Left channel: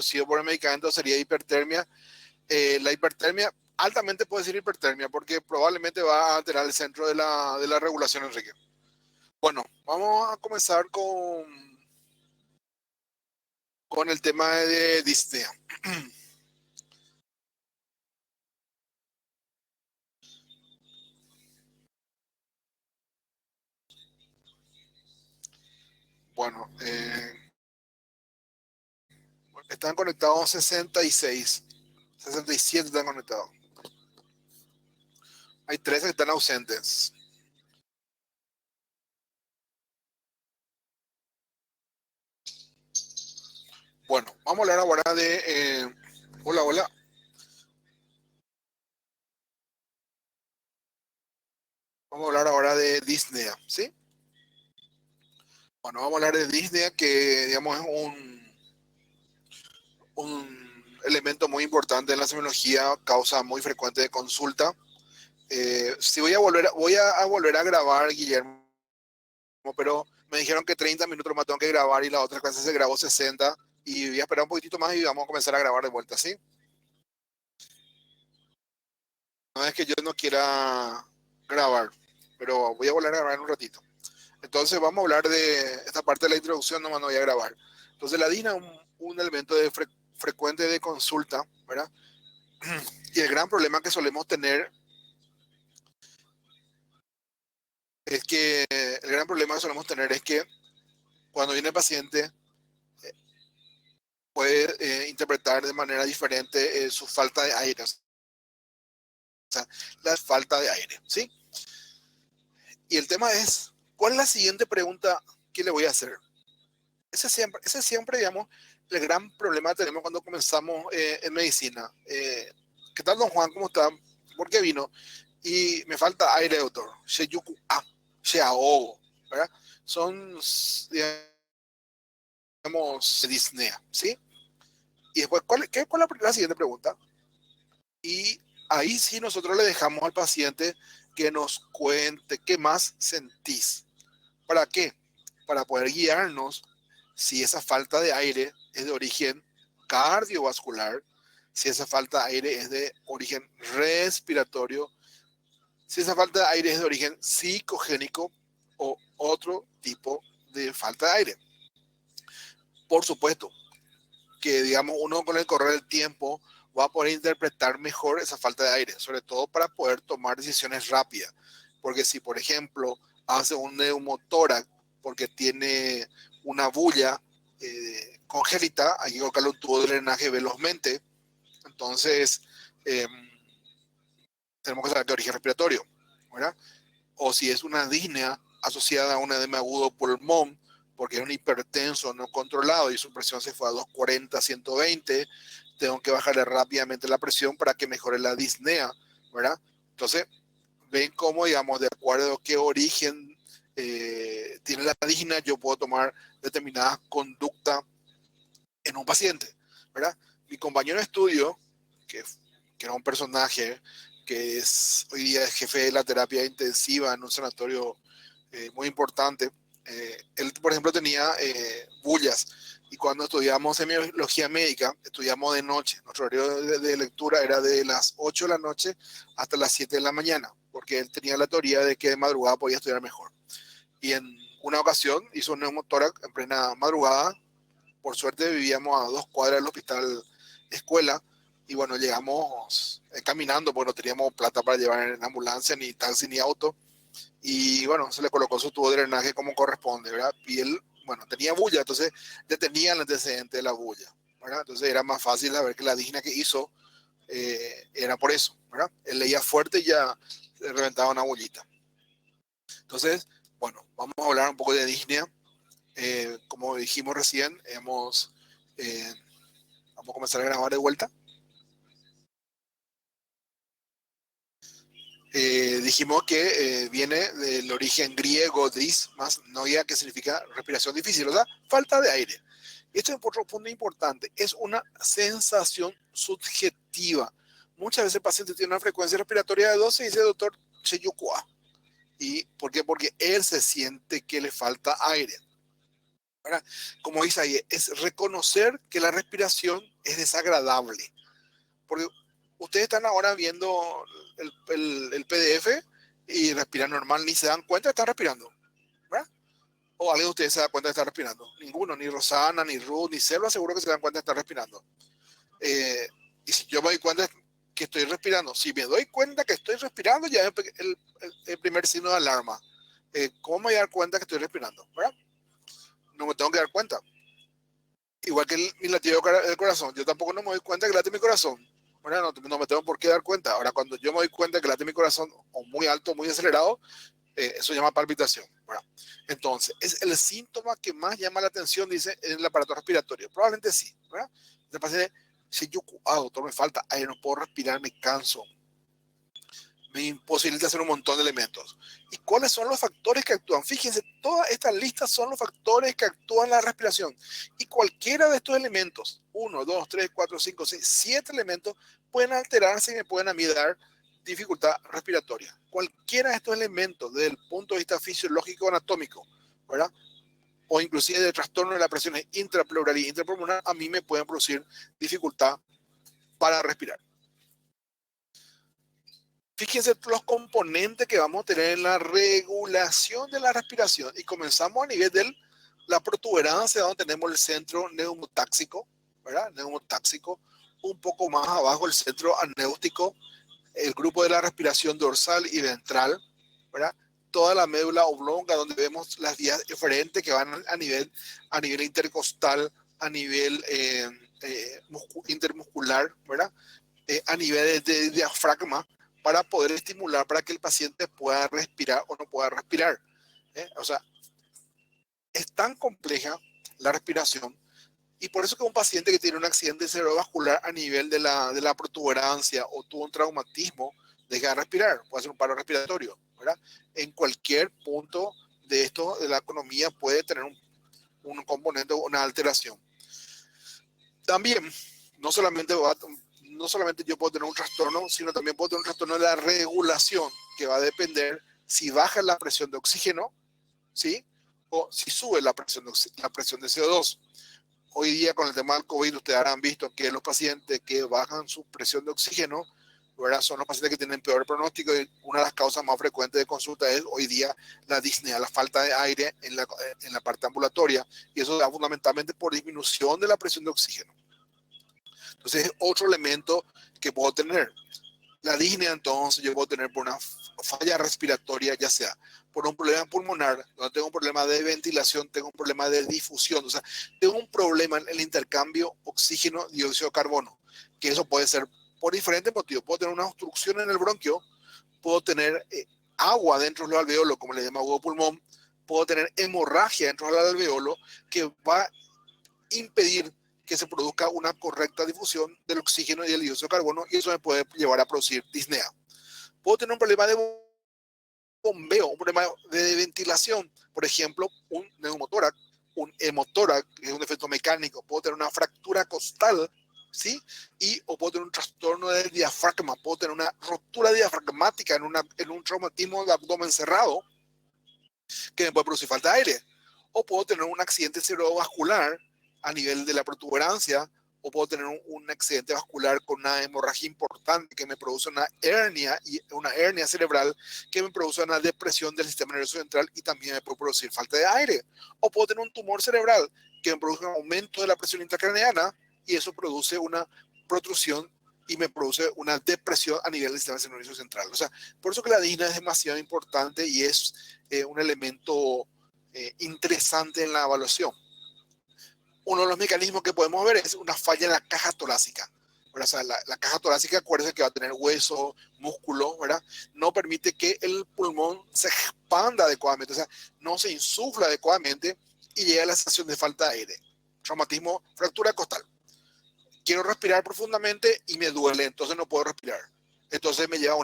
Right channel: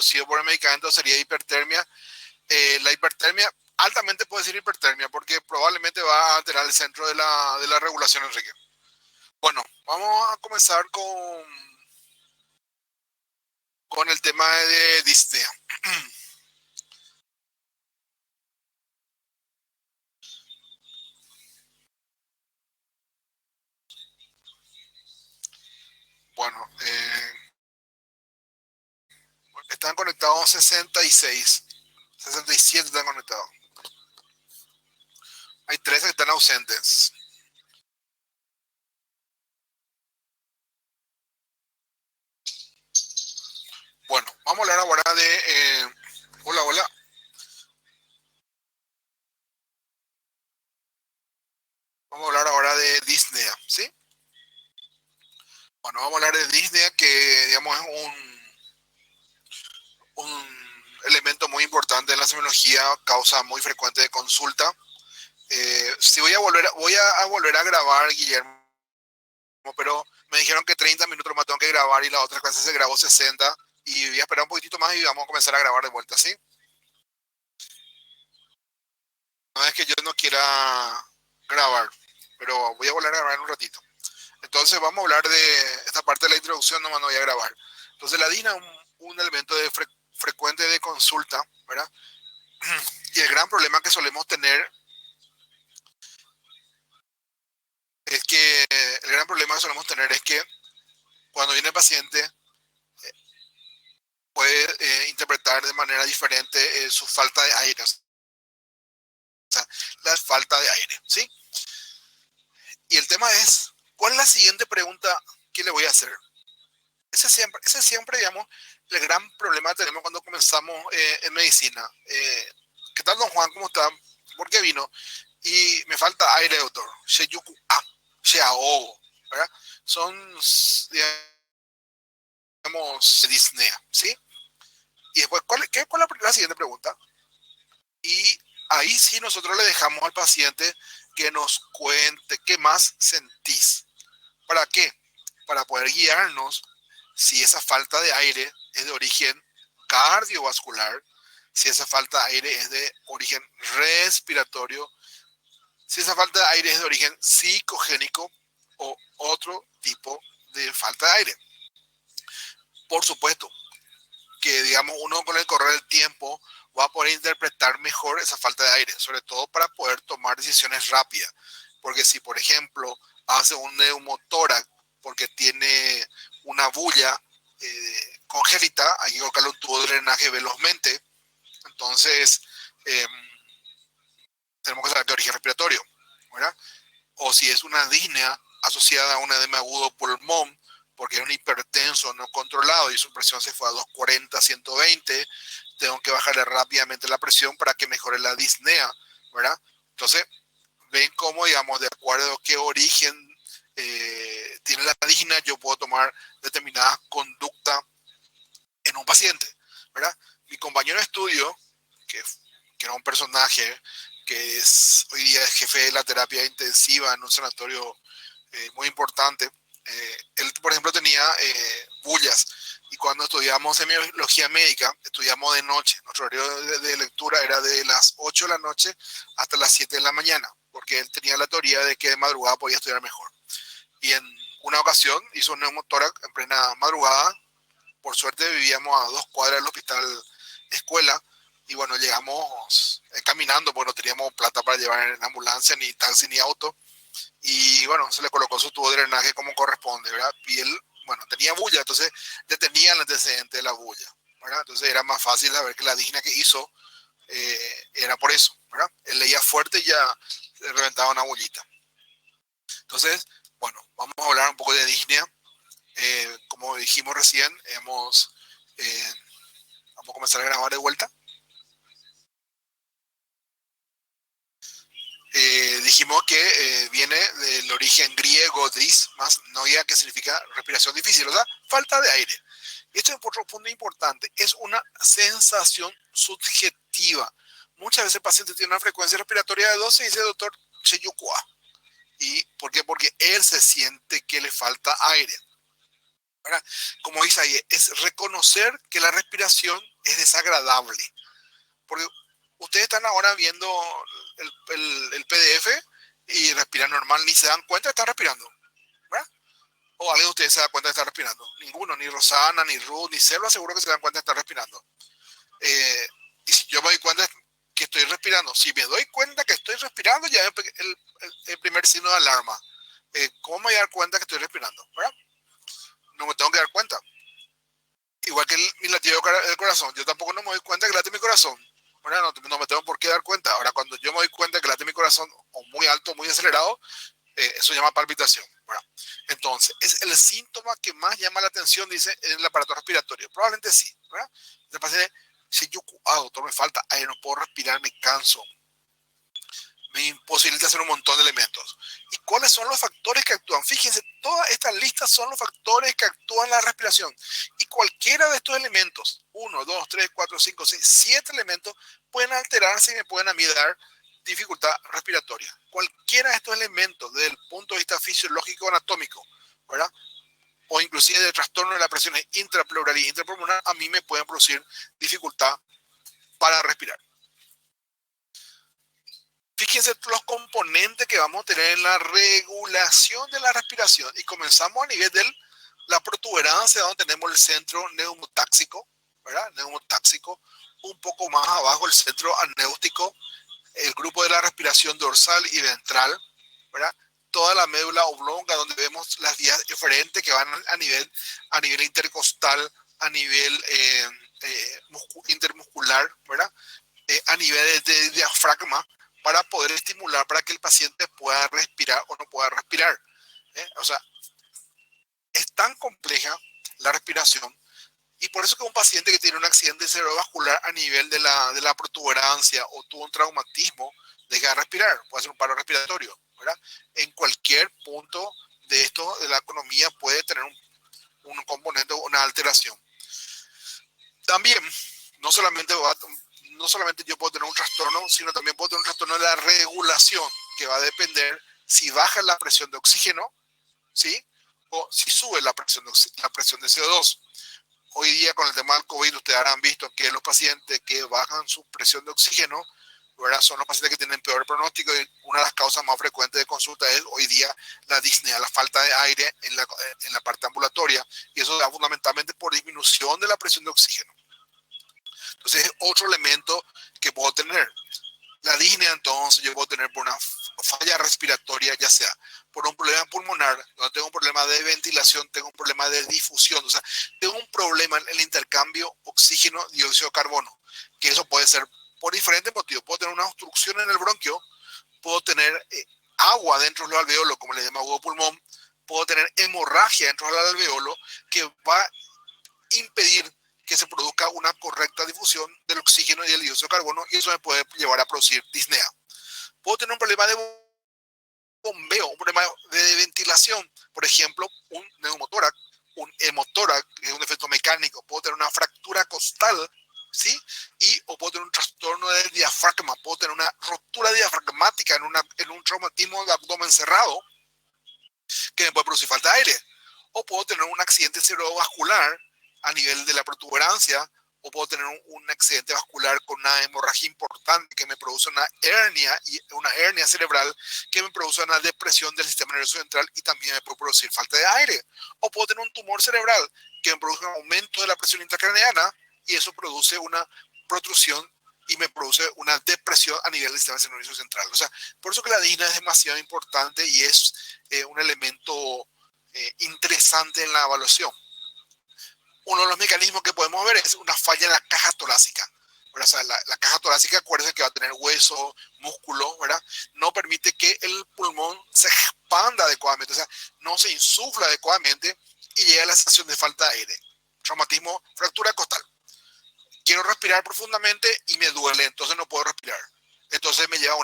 inducido por el medicamento sería hipertermia. La hipertermia, altamente puede ser hipertermia, porque probablemente va a alterar el centro de la regulación, Enrique. Bueno, vamos a comenzar con el tema de disnea. Bueno, están conectados 66, 67 están conectados. Hay 13 que están ausentes. Bueno, vamos a hablar ahora de... hola, hola. Vamos a hablar ahora de disnea, ¿sí? Bueno, vamos a hablar de disnea, que digamos es un elemento muy importante en la semiología, causa muy frecuente de consulta. Si voy a volver a grabar, Guillermo, pero me dijeron que 30 minutos más tengo que grabar y la otra clase se grabó 60 y voy a esperar un poquitito más y vamos a comenzar a grabar de vuelta, ¿sí? No es que yo no quiera grabar, pero voy a volver a grabar en un ratito. Entonces vamos a hablar de esta parte de la introducción, nomás no voy a grabar. Entonces la DINA es un elemento frecuente de consulta, ¿verdad? Y el gran problema que solemos tener es que, el gran problema que solemos tener es que cuando viene el paciente puede interpretar de manera diferente su falta de aire, o sea, la falta de aire, ¿sí? Y el tema es, ¿cuál es la siguiente pregunta que le voy a hacer? Ese siempre, digamos, el gran problema que tenemos cuando comenzamos en medicina. ¿Qué tal, don Juan? ¿Cómo está? ¿Por qué vino? Y me falta aire, doctor. Sheyuku A, se ahogo, ¿verdad? Son, digamos, disnea, ¿sí? Y después, ¿cuál es la siguiente pregunta? Y ahí sí nosotros le dejamos al paciente que nos cuente qué más sentís. ¿Para qué? Para poder guiarnos si esa falta de aire es de origen cardiovascular, si esa falta de aire es de origen respiratorio, si esa falta de aire es de origen psicogénico o otro tipo de falta de aire. Por supuesto que, digamos, uno con el correr del tiempo va a poder interpretar mejor esa falta de aire, sobre todo para poder tomar decisiones rápidas. Porque si, por ejemplo, hace un neumotórax porque tiene una bulla congénita, hay que colocarle un tubo de drenaje velozmente. Entonces, eh, tenemos que saber de origen respiratorio, ¿verdad? O si es una disnea asociada a un edema agudo pulmón, porque es un hipertenso no controlado y su presión se fue a 240, 120, tengo que bajarle rápidamente la presión para que mejore la disnea, ¿verdad? Entonces, ven cómo, digamos, de acuerdo a qué origen tiene la disnea, yo puedo tomar determinadas conductas en un paciente, ¿verdad? Mi compañero de estudio, que, que era un personaje que es hoy día es jefe de la terapia intensiva en un sanatorio muy importante, él, por ejemplo, tenía bullas y cuando estudiamos semiología médica, estudiamos de noche. Nuestro horario de lectura era de las 8 de la noche hasta las 7 de la mañana, porque él tenía la teoría de que de madrugada podía estudiar mejor. Y en una ocasión hizo un neumotórax en plena madrugada. Por suerte vivíamos a 2 cuadras del hospital escuela y bueno, llegamos caminando porque no teníamos plata para llevar en ambulancia, ni taxi, ni auto. Y bueno, se le colocó su tubo de drenaje como corresponde, ¿verdad? Y él, bueno, tenía bulla, entonces le tenía el antecedente de la bulla, ¿verdad? Entonces era más fácil saber que la digna que hizo era por eso, ¿verdad? Él leía fuerte y ya le reventaba una bullita. Entonces, bueno, vamos a hablar un poco de disnea. Como dijimos recién, vamos a comenzar a grabar de vuelta. Dijimos que viene del origen griego dis, más noia, que significa respiración difícil, o sea, falta de aire. Esto es otro punto importante, es una sensación subjetiva. Muchas veces el paciente tiene una frecuencia respiratoria de 12 y dice, doctor, ¿y por qué? Porque él se siente que le falta aire. ¿verdad? Como dice ahí, es reconocer que la respiración es desagradable. Porque ustedes están ahora viendo el PDF y respiran normal, ni se dan cuenta que están respirando, ¿verdad? O alguien de ustedes se da cuenta de estar respirando. Ninguno, ni Rosana, ni Ruth, ni Selva, seguro que se dan cuenta de estar respirando. Eh, y si yo me doy cuenta que estoy respirando, si me doy cuenta que estoy respirando, ya es el primer signo de alarma. ¿Cómo me voy a dar cuenta que estoy respirando? ¿Verdad? No me tengo que dar cuenta. Igual que mi latido del corazón, yo tampoco no me doy cuenta que late mi corazón. ¿Verdad? No, no me tengo por qué dar cuenta. Ahora, cuando yo me doy cuenta que late mi corazón o muy alto, muy acelerado, eso se llama palpitación. ¿Verdad? Entonces, es el síntoma que más llama la atención, dice, en el aparato respiratorio. Probablemente sí. ¿Verdad? Entonces, si yo, doctor, me falta aire, no puedo respirar, me canso, me imposibilita hacer un montón de elementos. ¿Y cuáles son los factores que actúan? Fíjense, todas estas listas son los factores que actúan en la respiración. Y cualquiera de estos elementos, 1, 2, 3, 4, 5, 6, 7 elementos, pueden alterarse y me pueden a mí dar dificultad respiratoria. Cualquiera de estos elementos, desde el punto de vista fisiológico anatómico, ¿verdad? O inclusive de trastorno de la presión intrapleural y intrapulmonar, a mí me pueden producir dificultad para respirar. Fíjense los componentes que vamos a tener en la regulación de la respiración y comenzamos a nivel de la protuberancia donde tenemos el centro neumotáxico, ¿verdad? Neumotáxico, un poco más abajo el centro anéutico, el grupo de la respiración dorsal y ventral, ¿verdad? Toda la médula oblonga donde vemos las vías eferentes que van a nivel intercostal, a nivel intermuscular, ¿verdad? A nivel de diafragma para poder estimular para que el paciente pueda respirar o no pueda respirar. O sea, es tan compleja la respiración y por eso que un paciente que tiene un accidente cerebrovascular a nivel de la protuberancia o tuvo un traumatismo deja de respirar, puede ser un paro respiratorio, ¿verdad? En cualquier punto de esto de la economía puede tener un componente o una alteración. También, no solamente no solamente yo puedo tener un trastorno, sino también puedo tener un trastorno de la regulación, que va a depender si baja la presión de oxígeno, ¿sí? O si sube la presión de CO2. Hoy día con el tema del COVID, ustedes habrán visto que los pacientes que bajan su presión de oxígeno, ¿verdad? Son los pacientes que tienen peor pronóstico y una de las causas más frecuentes de consulta es hoy día la disnea, la falta de aire en la parte ambulatoria, y eso da fundamentalmente por disminución de la presión de oxígeno. Entonces es otro elemento que puedo tener. La disnea, entonces, yo puedo tener por una falla respiratoria, ya sea por un problema pulmonar, donde tengo un problema de ventilación, tengo un problema de difusión, o sea, tengo un problema en el intercambio oxígeno-dióxido de carbono, que eso puede ser por diferentes motivos. Puedo tener una obstrucción en el bronquio, puedo tener agua dentro del alveolo, como le llama agua pulmón, puedo tener hemorragia dentro del alveolo, que va a impedir que se produzca una correcta difusión del oxígeno y del dióxido de carbono, y eso me puede llevar a producir disnea. Puedo tener un problema de bombeo, un problema de ventilación, por ejemplo, un neumotórax, un hemotórax, que es un defecto mecánico. Puedo tener una fractura costal, ¿sí? O puedo tener un trastorno del diafragma, puedo tener una rotura diafragmática en un traumatismo de abdomen cerrado que me puede producir falta de aire. O puedo tener un accidente cerebrovascular a nivel de la protuberancia, o puedo tener un accidente vascular con una hemorragia importante que me produce una hernia cerebral que me produce una depresión del sistema nervioso central y también me puede producir falta de aire. O puedo tener un tumor cerebral que me produce un aumento de la presión intracraneana y eso produce una protrusión y me produce una depresión a nivel del sistema nervioso central. O sea, por eso que la disnea es demasiado importante y es un elemento interesante en la evaluación. Uno de los mecanismos que podemos ver es una falla en la caja torácica. O sea, la caja torácica, acuérdense que va a tener hueso, músculo, ¿verdad? No permite que el pulmón se expanda adecuadamente, o sea, no se insufla adecuadamente y llega a la sensación de falta de aire. Traumatismo, fractura costal. Quiero respirar profundamente y me duele, entonces no puedo respirar. Entonces me lleva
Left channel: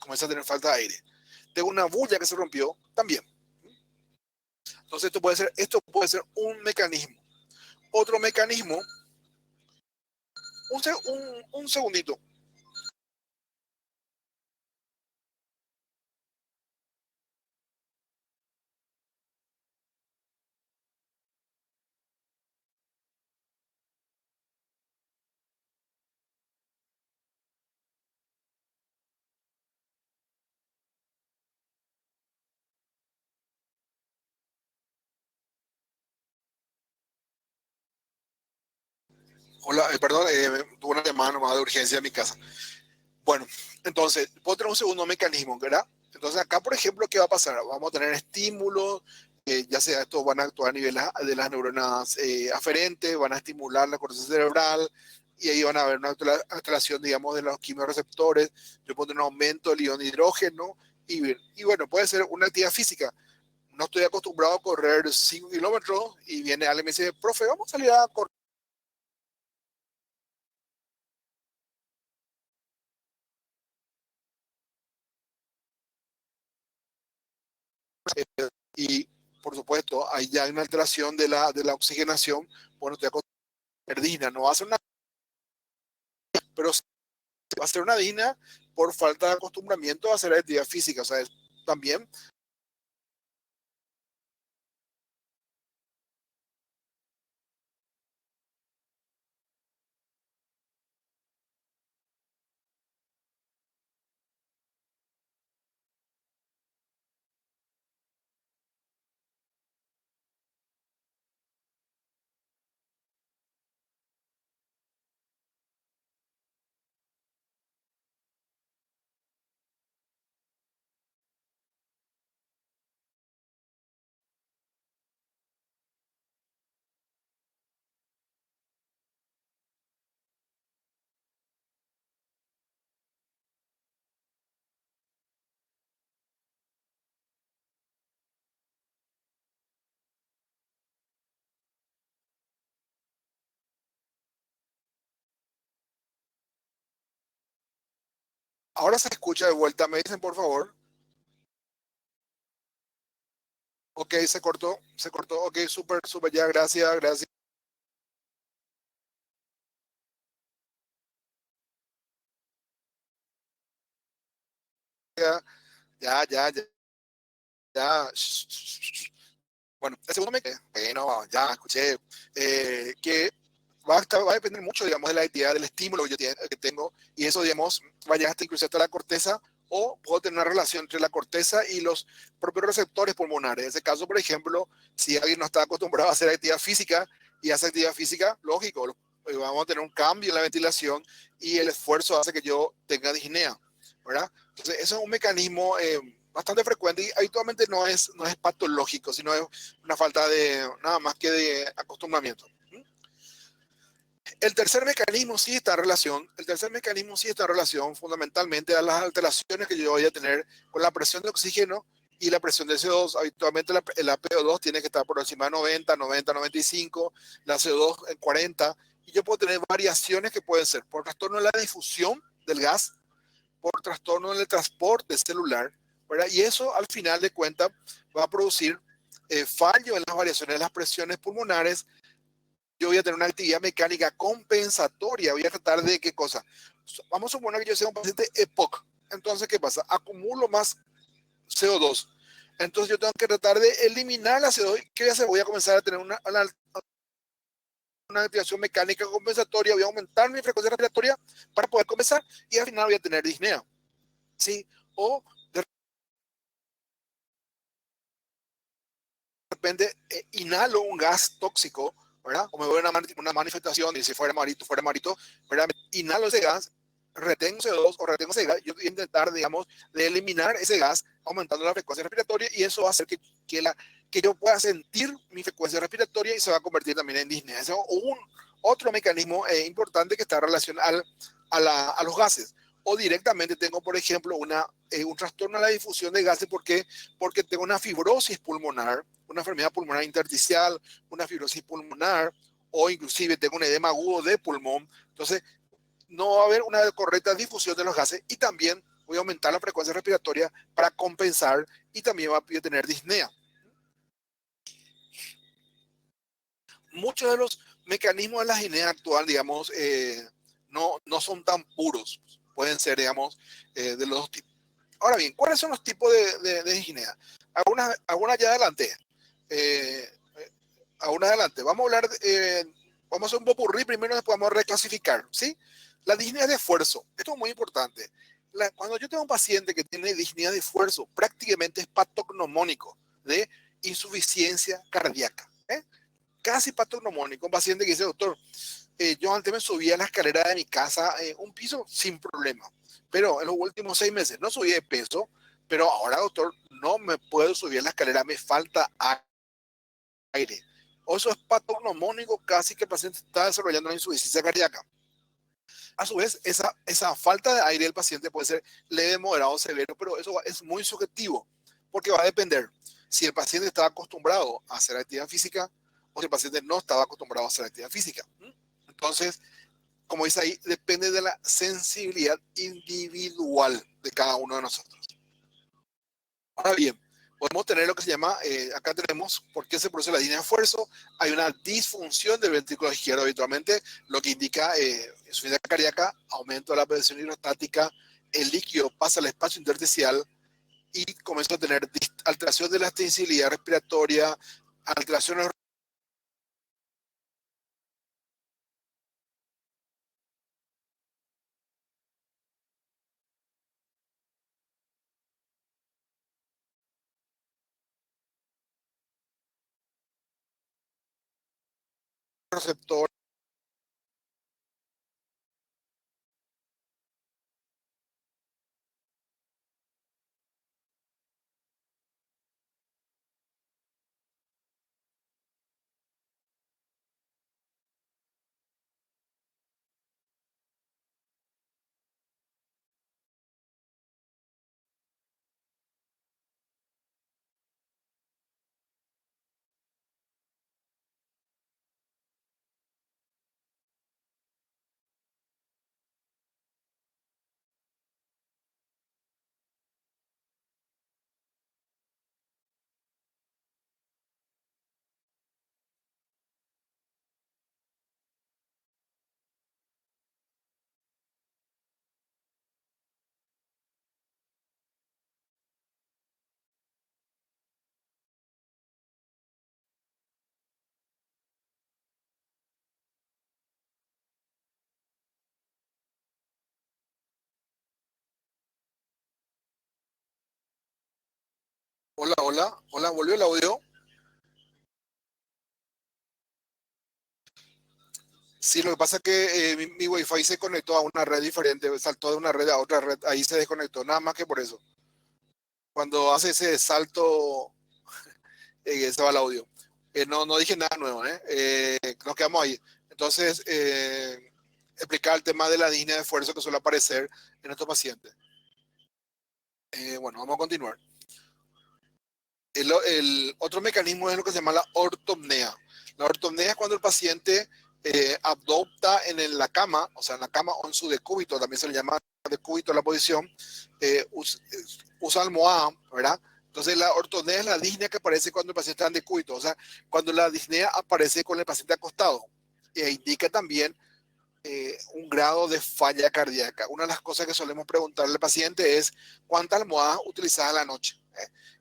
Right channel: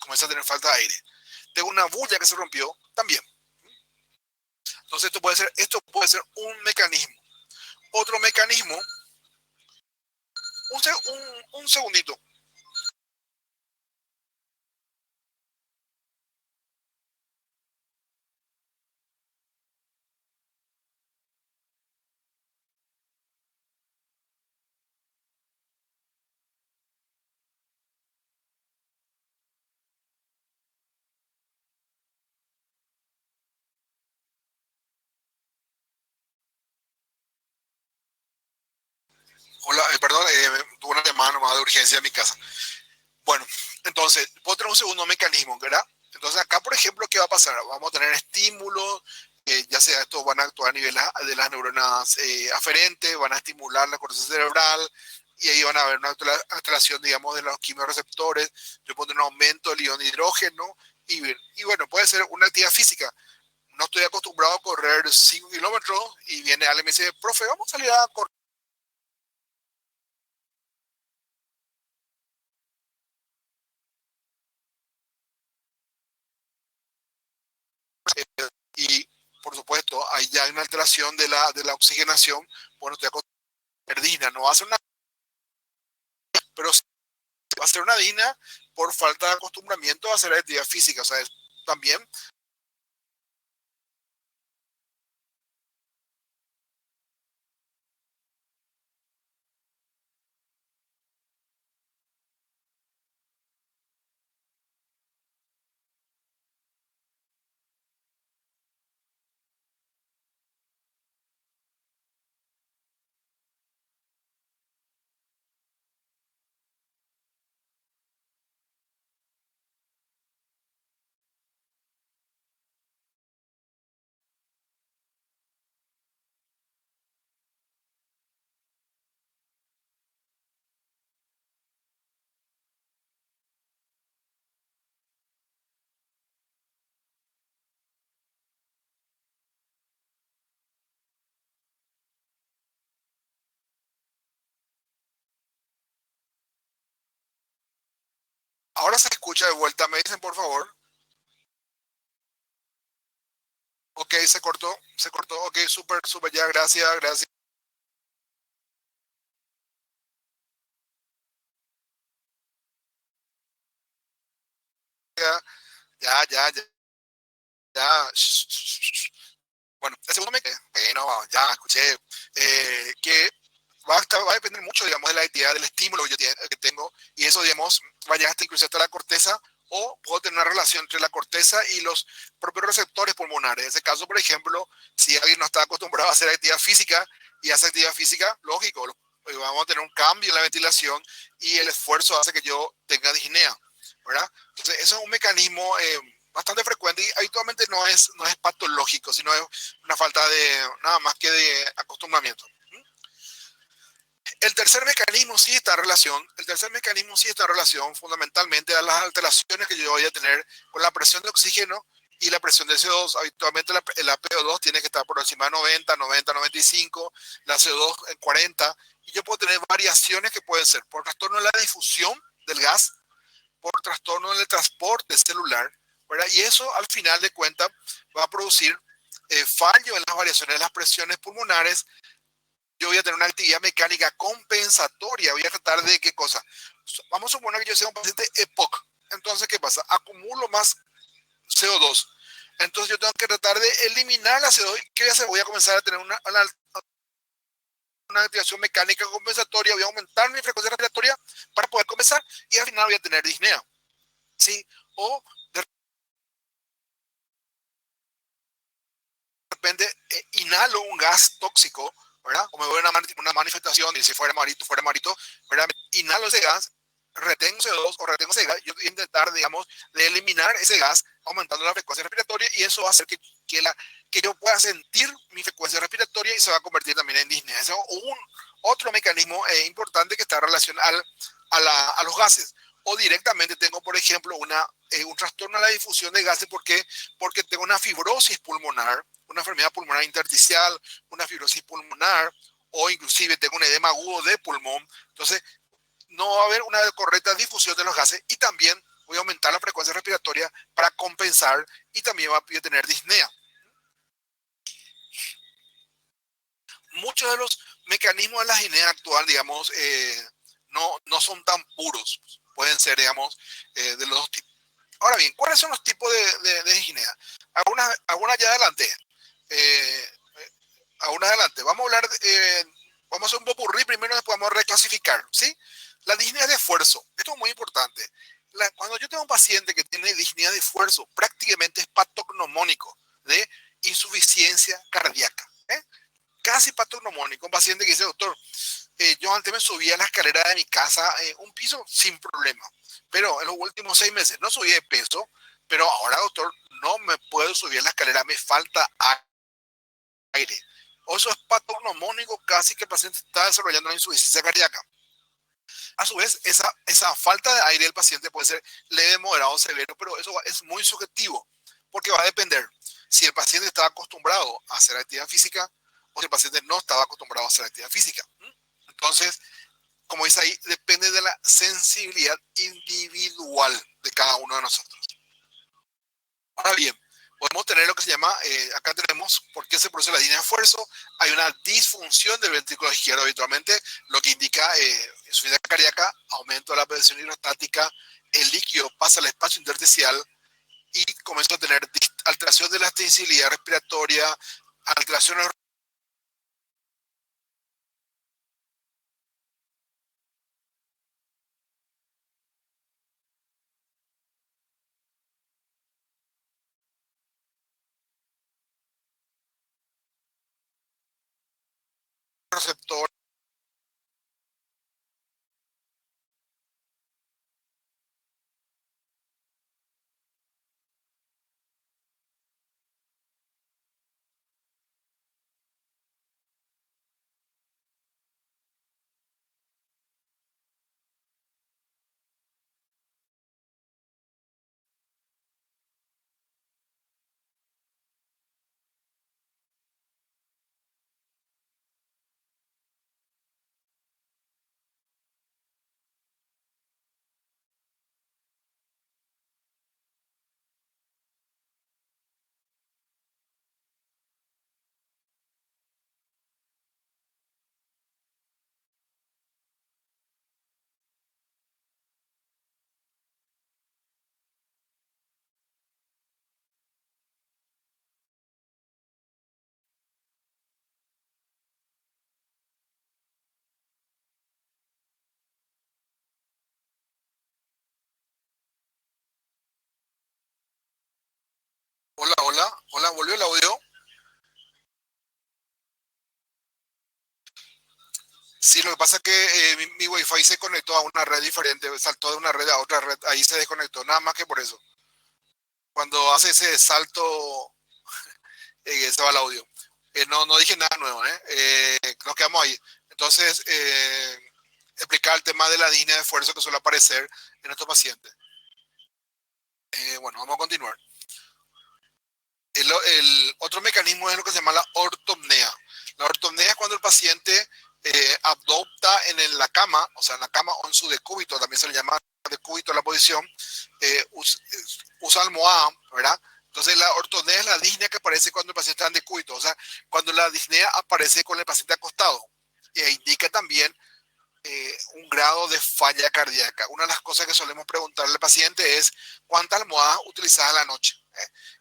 comienza a tener falta de aire. Tengo una bulla que se rompió, también. Entonces esto puede ser un mecanismo. Otro mecanismo, un segundito. Hola, perdón, tuve una llamada nomás de urgencia en mi casa. Bueno, entonces, puedo tener un segundo mecanismo, ¿verdad? Entonces, acá, por ejemplo, ¿qué va a pasar? Vamos a tener estímulos, ya sea estos van a actuar a nivel de las neuronas aferentes, van a estimular la corteza cerebral y ahí van a haber una alteración, digamos, de los quimiorreceptores. Yo puedo tener un aumento del ion de hidrógeno y bueno, puede ser una actividad física. No estoy acostumbrado a correr 5 kilómetros y viene alguien y me dice, profe, vamos a salir a correr. Y por supuesto, hay ya una alteración de la oxigenación. Bueno, estoy acostumbrado a hacer DINA, no va a ser una, pero sí va a ser una DINA por falta de acostumbramiento a hacer actividad física. O sea, también ahora se escucha de vuelta. Me dicen, por favor. Ok, se cortó, se cortó. Ok, súper, súper, ya, gracias, gracias. Ya, ya, ya, ya. Bueno, el segundo bueno, ya escuché que va a depender mucho, digamos, de la idea del estímulo que tengo y eso, digamos, va a llegar hasta incluso hasta la corteza o puedo tener una relación entre la corteza y los propios receptores pulmonares. En ese caso, por ejemplo, si alguien no está acostumbrado a hacer actividad física y hace actividad física, lógico, vamos a tener un cambio en la ventilación y el esfuerzo hace que yo tenga disnea, ¿verdad? Entonces, eso es un mecanismo bastante frecuente y habitualmente no es patológico, sino es una falta de nada más que de acostumbramiento. El tercer mecanismo sí está en relación fundamentalmente a las alteraciones que yo voy a tener con la presión de oxígeno y la presión de CO2. Habitualmente la PO2 tiene que estar por encima de 90, 90, 95, la CO2 en 40, y yo puedo tener variaciones que pueden ser por trastorno de la difusión del gas, por trastorno del transporte celular, ¿verdad? Y eso al final de cuentas va a producir fallo en las variaciones de las presiones pulmonares. Yo voy a tener una actividad mecánica compensatoria. Voy a tratar de qué cosa. Vamos a suponer que yo sea un paciente EPOC. Entonces, ¿qué pasa? Acumulo más CO2. Entonces, yo tengo que tratar de eliminar la CO2. ¿Qué voy a hacer? Voy a comenzar a tener una activación mecánica compensatoria. Voy a aumentar mi frecuencia respiratoria para poder compensar y al final voy a tener disnea. ¿Sí? O de repente inhalo un gas tóxico, ¿verdad? O me voy a una manifestación y si fuera marito, ¿verdad? Inhalo ese gas, retengo CO2 o retengo ese gas, yo voy a intentar, digamos, de eliminar ese gas aumentando la frecuencia respiratoria y eso va a hacer que yo pueda sentir mi frecuencia respiratoria y se va a convertir también en disnea. Ese es otro mecanismo importante que está relacionado a los gases. O directamente tengo, por ejemplo, un trastorno a la difusión de gases porque tengo una fibrosis pulmonar, una enfermedad pulmonar intersticial, una fibrosis pulmonar, o inclusive tengo un edema agudo de pulmón. Entonces, no va a haber una correcta difusión de los gases y también voy a aumentar la frecuencia respiratoria para compensar y también va a tener disnea. Muchos de los mecanismos de la disnea actual, digamos, no son tan puros. Pueden ser, digamos, de los dos tipos. Ahora bien, ¿cuáles son los tipos de disnea? Algunas ya adelante. Eh, Aún adelante. Vamos a hacer un popurrí primero, después vamos a reclasificar, ¿sí? La disnea de esfuerzo, esto es muy importante. Cuando yo tengo un paciente que tiene disnea de esfuerzo, prácticamente es patognomónico de insuficiencia cardíaca, ¿eh? Casi patognomónico. Un paciente que dice, doctor, yo antes me subía a la escalera de mi casa un piso sin problema, pero en los últimos 6 meses no subí de peso, pero ahora, doctor, no me puedo subir a la escalera, me falta aire. O eso es patognomónico, casi que el paciente está desarrollando una insuficiencia cardíaca. A su vez, esa falta de aire del paciente puede ser leve, moderado, severo, pero eso es muy subjetivo, porque va a depender si el paciente estaba acostumbrado a hacer actividad física o si el paciente no estaba acostumbrado a hacer actividad física. Entonces, como dice ahí, depende de la sensibilidad individual de cada uno de nosotros. Ahora bien, podemos tener lo que se llama, acá tenemos por qué se produce la disnea de esfuerzo. Hay una disfunción del ventrículo izquierdo habitualmente, lo que indica insuficiencia cardíaca, aumento de la presión hidrostática, el líquido pasa al espacio intersticial y comienza a tener alteración de la sensibilidad respiratoria, alteraciones receptores. Hola, hola, hola, volvió el audio. Sí, lo que pasa es que mi Wi-Fi se conectó a una red diferente, saltó de una red a otra red, ahí se desconectó, nada más que por eso. Cuando hace ese salto, se va el audio. No dije nada nuevo, ¿eh? Nos quedamos ahí. Entonces, explicar el tema de la disnea de esfuerzo que suele aparecer en estos pacientes. Bueno, vamos a continuar. El otro mecanismo es lo que se llama la ortopnea. La ortopnea es cuando el paciente adopta la cama, o sea, en la cama o en su decúbito, también se le llama decúbito la posición, usa almohada, ¿verdad? Entonces la ortopnea es la disnea que aparece cuando el paciente está en decúbito, o sea, cuando la disnea aparece con el paciente acostado. Indica también un grado de falla cardíaca. Una de las cosas que solemos preguntarle al paciente es cuántas almohadas utilizas a la noche.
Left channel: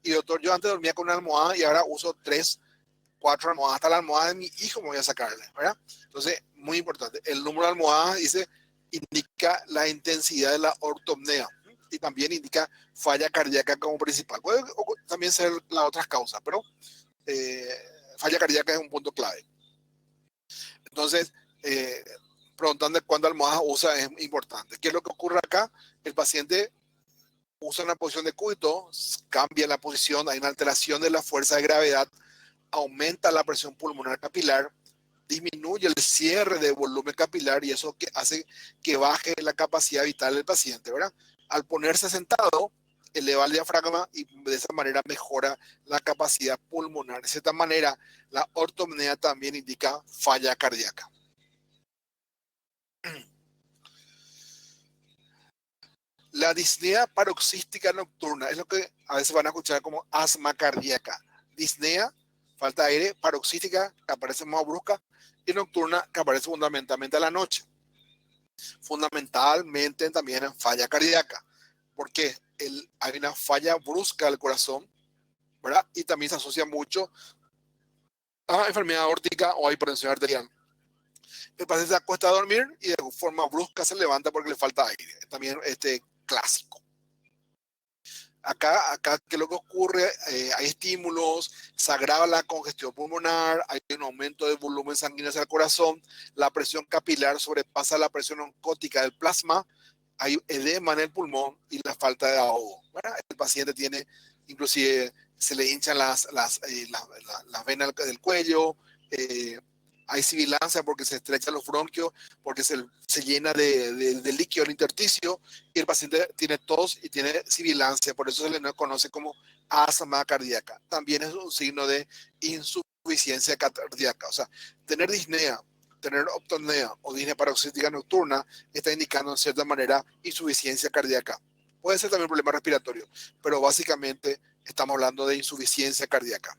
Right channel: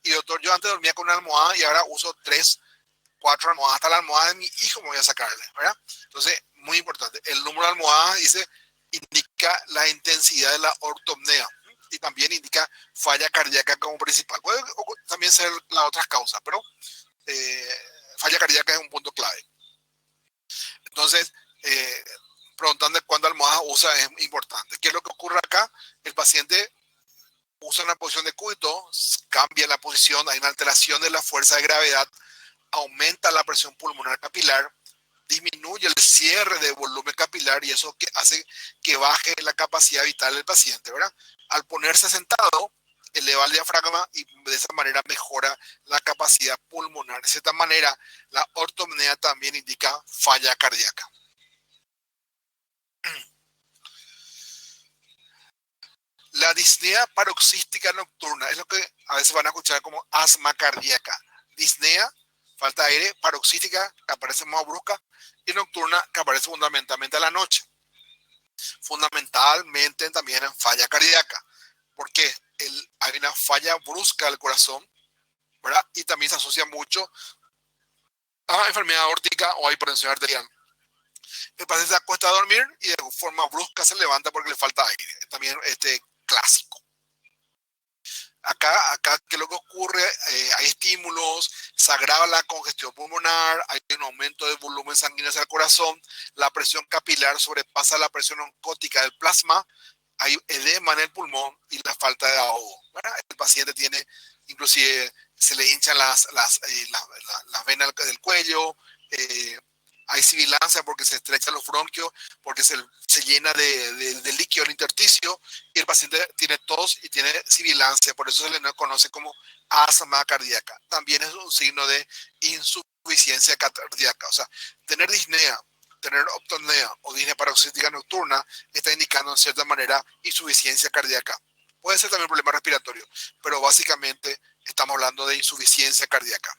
Y doctor, yo antes dormía con una almohada y ahora uso 3, 4 almohadas. Hasta la almohada de mi hijo me voy a sacarle, ¿verdad? Entonces, muy importante. El número de almohadas indica la intensidad de la ortopnea y también indica falla cardíaca como principal. Puede también ser las otras causas, pero eh, falla cardíaca es un punto clave. Entonces, preguntando cuántas almohadas usa es importante. ¿Qué es lo que ocurre acá? El paciente usa una posición de cúbito, cambia la posición, hay una alteración de la fuerza de gravedad, aumenta la presión pulmonar capilar, disminuye el cierre de volumen capilar y eso que hace que baje la capacidad vital del paciente, ¿verdad? Al ponerse sentado, eleva el diafragma y de esa manera mejora la capacidad pulmonar. De esta manera, la ortopnea también indica falla cardíaca. La disnea paroxística nocturna es lo que a veces van a escuchar como asma cardíaca. Disnea, falta de aire, paroxística, que aparece más brusca, y nocturna, que aparece fundamentalmente a la noche. Fundamentalmente también en falla cardíaca, porque hay una falla brusca del corazón, ¿verdad? Y también se asocia mucho a enfermedad aórtica o a hipertensión arterial. El paciente se acuesta a dormir y de forma brusca se levanta porque le falta aire. También clásico. Acá, ¿qué es lo que ocurre? Hay estímulos, se agrava la congestión pulmonar, hay un aumento del volumen sanguíneo hacia el corazón, la presión capilar sobrepasa la presión oncótica del plasma, hay edema en el pulmón y la falta de ahogo. ¿Verdad? El paciente tiene, inclusive, se le hinchan las venas del cuello, eh, hay sibilancia porque se estrechan los bronquios, porque se llena de líquido el intersticio y el paciente tiene tos y tiene sibilancia, por eso se le conoce como asma cardíaca. También es un signo de insuficiencia cardíaca, o sea, tener disnea, tener optonea o disnea paroxística nocturna está indicando en cierta manera insuficiencia cardíaca. Puede ser también un problema respiratorio, pero básicamente estamos hablando de insuficiencia cardíaca.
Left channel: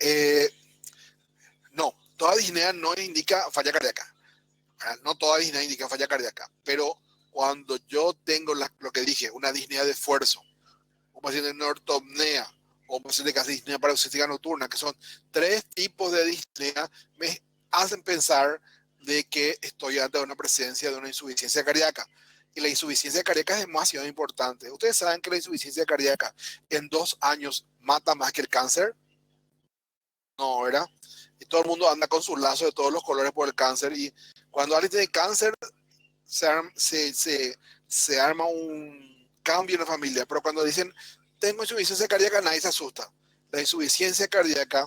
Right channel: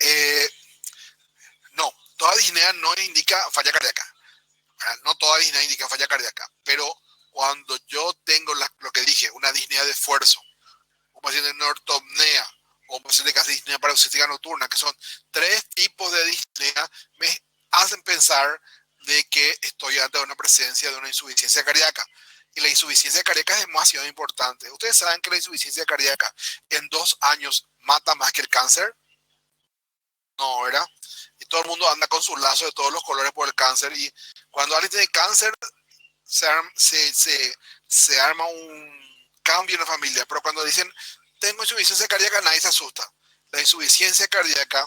Eh, no, toda disnea no indica falla cardíaca. No toda disnea indica falla cardíaca, pero cuando yo tengo lo que dije, una disnea de esfuerzo, un paciente de ortopnea o un paciente que hace disnea paroxística nocturna, que son tres tipos de disnea, me hacen pensar de que estoy ante una presencia de una insuficiencia cardíaca. Y la insuficiencia cardíaca es demasiado importante. Ustedes saben que la insuficiencia cardíaca en 2 años mata más que el cáncer. No, ¿verdad? Y todo el mundo anda con sus lazos de todos los colores por el cáncer. Y cuando alguien tiene cáncer, se arma un cambio en la familia. Pero cuando dicen, tengo insuficiencia cardíaca, nadie se asusta. La insuficiencia cardíaca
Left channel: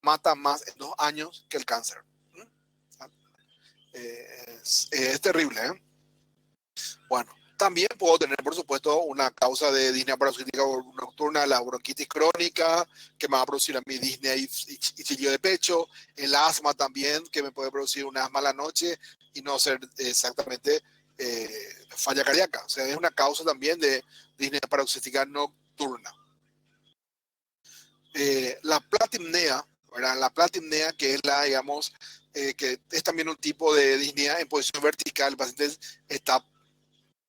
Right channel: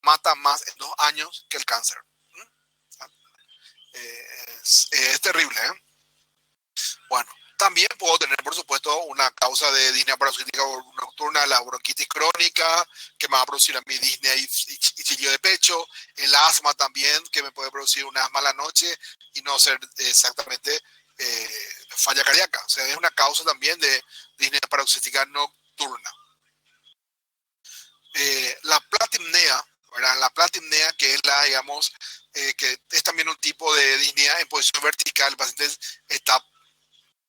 mata más en 2 años que el cáncer. Es terrible, ¿eh? Bueno, también puedo tener, por supuesto, una causa de disnea paroxística nocturna, la bronquitis crónica, que me va a producir a mí disnea y chillido de pecho, el asma también, que me puede producir un asma a la noche y no ser exactamente falla cardíaca. O sea, es una causa también de disnea paroxística nocturna. La platimnea, ¿verdad? La platimnea, que es la, digamos, que es también un tipo de disnea en posición vertical, el paciente está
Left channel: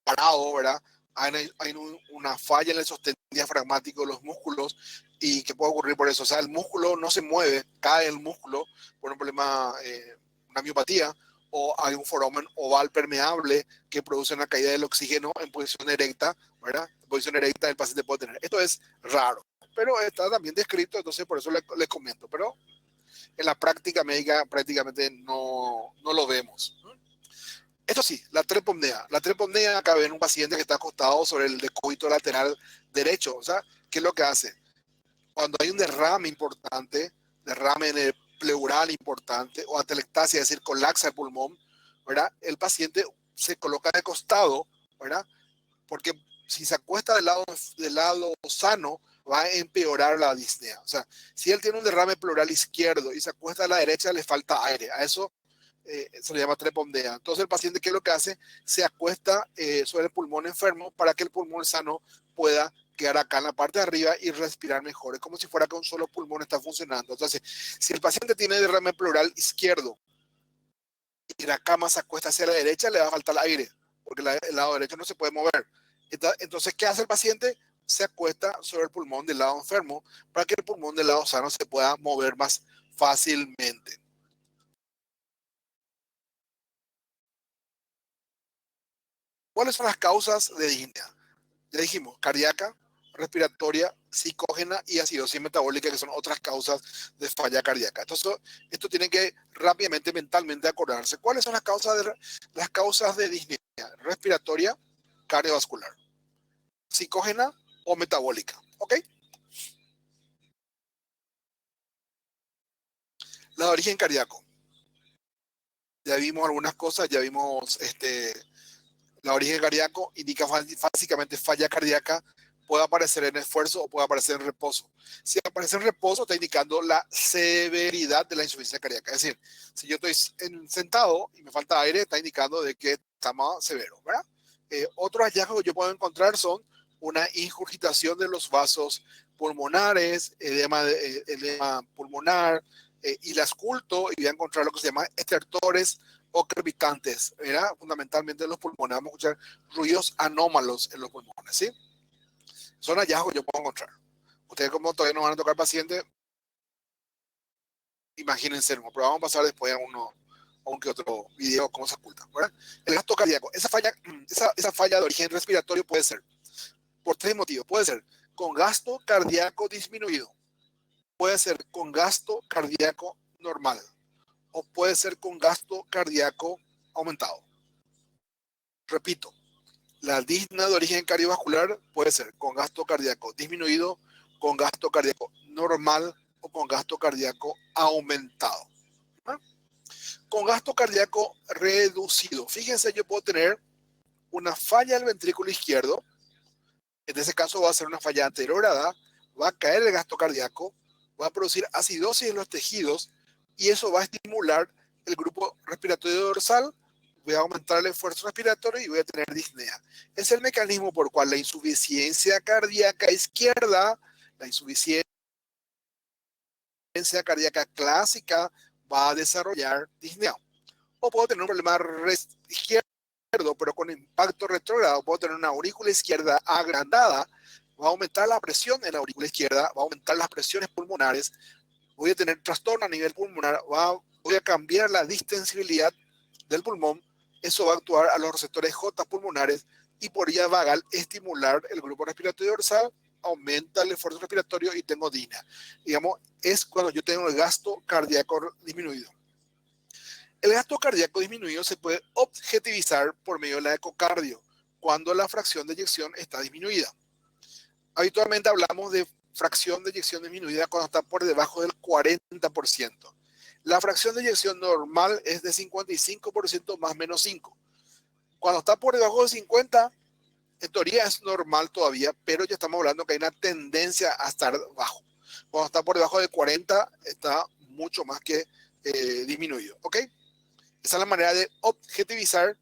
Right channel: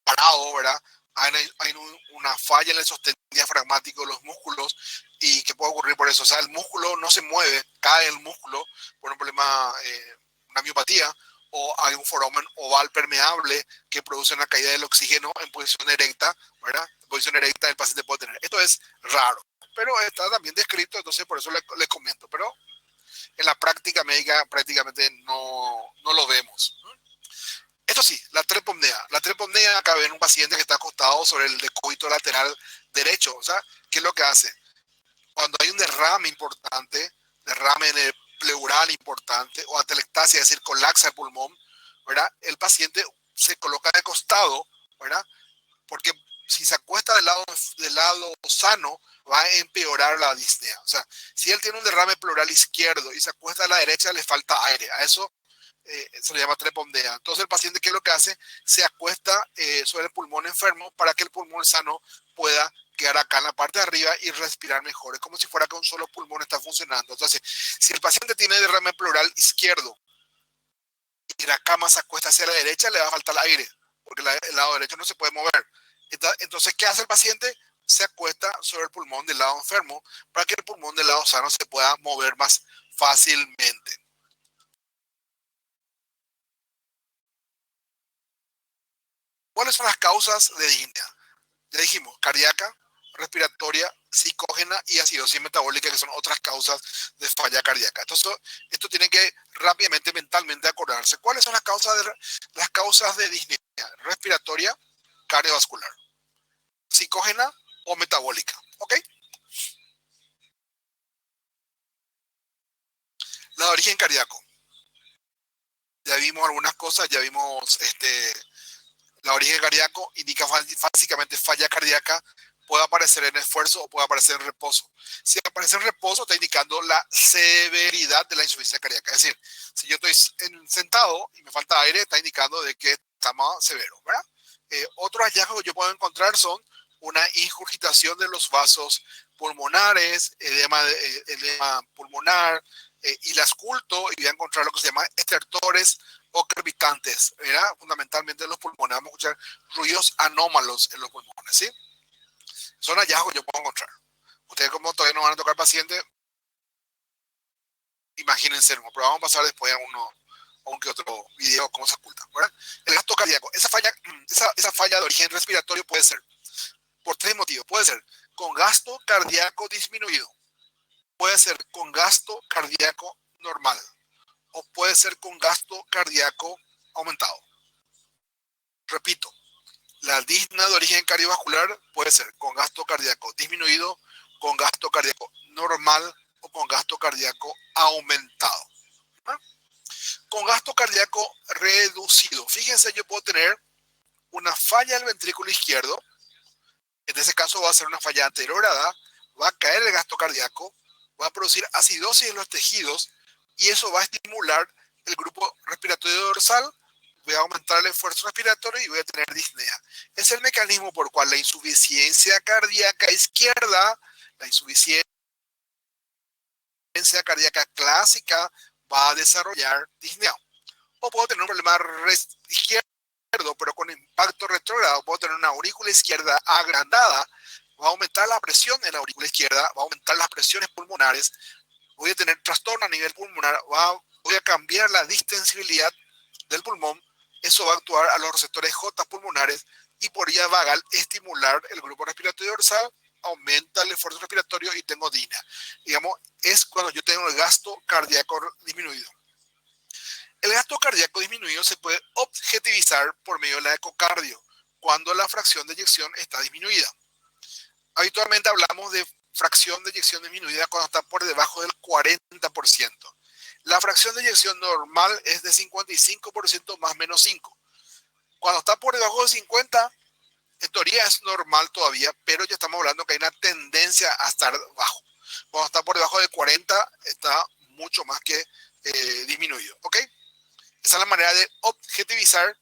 parado, ¿verdad? Hay una falla en el sostén diafragmático de los músculos y que puede ocurrir por eso. O sea, el músculo no se mueve, cae el músculo por un problema, una miopatía, o hay un foramen oval permeable que produce una caída del oxígeno en posición erecta, ¿verdad? En posición erecta el paciente puede tener. Esto es raro, pero está también descrito, entonces por eso les comento. Pero en la práctica médica prácticamente no lo vemos. Esto sí, la trepomnea. La trepomnea acá ven un paciente que está acostado sobre el decúbito lateral derecho. O sea, ¿qué es lo que hace? Cuando hay un derrame importante, derrame en el pleural importante o atelectasia, es decir, colapsa el pulmón, ¿verdad? El paciente se coloca de costado, ¿verdad? Porque si se acuesta del lado sano, va a empeorar la disnea. O sea, si él tiene un derrame pleural izquierdo y se acuesta a la derecha, le falta aire. A eso se le llama trepomnea. Entonces el paciente, ¿qué es lo que hace? Se acuesta sobre el pulmón enfermo para que el pulmón sano pueda quedar acá en la parte de arriba y respirar mejor. Es como si fuera que un solo pulmón está funcionando. Entonces, si el paciente tiene derrame pleural izquierdo y la cama se acuesta hacia la derecha, le va a faltar aire, porque el lado derecho no se puede mover. Entonces, ¿qué hace el paciente? Se acuesta sobre el pulmón del lado enfermo para que el pulmón del lado sano se pueda mover más fácilmente. ¿Cuáles son las causas de disnea? Ya dijimos, cardíaca, respiratoria, psicógena y acidosis metabólica, que son otras causas de falla cardíaca. Entonces, esto tiene que rápidamente, mentalmente acordarse. ¿Cuáles son las causas de disnea? Respiratoria, cardiovascular, psicógena o metabólica. ¿Ok? La de origen cardíaco. Ya vimos algunas cosas, ya vimos la origen cardíaco, indica básicamente falla cardíaca, puede aparecer en esfuerzo o puede aparecer en reposo. Si aparece en reposo, está indicando la severidad de la insuficiencia cardíaca. Es decir, si yo estoy sentado y me falta aire, está indicando de que está más severo, ¿verdad? Otros hallazgos que yo puedo encontrar son una ingurgitación de los vasos pulmonares, edema pulmonar, y las culto y voy a encontrar lo que se llama estertores o crepitantes, ¿verdad? Fundamentalmente en los pulmones. Vamos a escuchar ruidos anómalos en los pulmones, ¿sí? Son hallazgos que yo puedo encontrar. Ustedes como todavía no van a tocar pacientes, imagínense, pero vamos a pasar después aunque otro video cómo se oculta, ¿verdad? El gasto cardíaco, esa falla de origen respiratorio puede ser por tres motivos. Puede ser con gasto cardíaco disminuido, puede ser con gasto cardíaco normal o puede ser con gasto cardíaco aumentado. Repito, la disnea de origen cardiovascular puede ser con gasto cardíaco disminuido, con gasto cardíaco normal o con gasto cardíaco aumentado. ¿Ah? Con gasto cardíaco reducido, fíjense, yo puedo tener una falla del ventrículo izquierdo. En ese caso va a ser una falla anterorada, va a caer el gasto cardíaco, va a producir acidosis en los tejidos y eso va a estimular el grupo respiratorio dorsal, voy a aumentar el esfuerzo respiratorio y voy a tener disnea. Es el mecanismo por el cual la insuficiencia cardíaca izquierda, la insuficiencia cardíaca clásica va a desarrollar disnea. O puedo tener un problema izquierdo, pero con impacto retrógrado, puedo tener una aurícula izquierda agrandada, va a aumentar la presión en la aurícula izquierda, va a aumentar las presiones pulmonares, voy a tener trastorno a nivel pulmonar, voy a cambiar la distensibilidad del pulmón, eso va a actuar a los receptores J pulmonares y por vía vagal estimular el grupo respiratorio dorsal, aumenta el esfuerzo respiratorio y tengo disnea. Digamos, es cuando yo tengo el gasto cardíaco disminuido. El gasto cardíaco disminuido se puede objetivizar por medio de la ecocardio, cuando la fracción de eyección está disminuida. Habitualmente hablamos de fracción de eyección disminuida cuando está por debajo del 40%. La fracción de eyección normal es de 55% más menos 5. Cuando está por debajo de 50, en teoría es normal todavía, pero ya estamos hablando que hay una tendencia a estar bajo. Cuando está por debajo de 40, está mucho más que disminuido. ¿Ok? Esa es la manera de objetivizar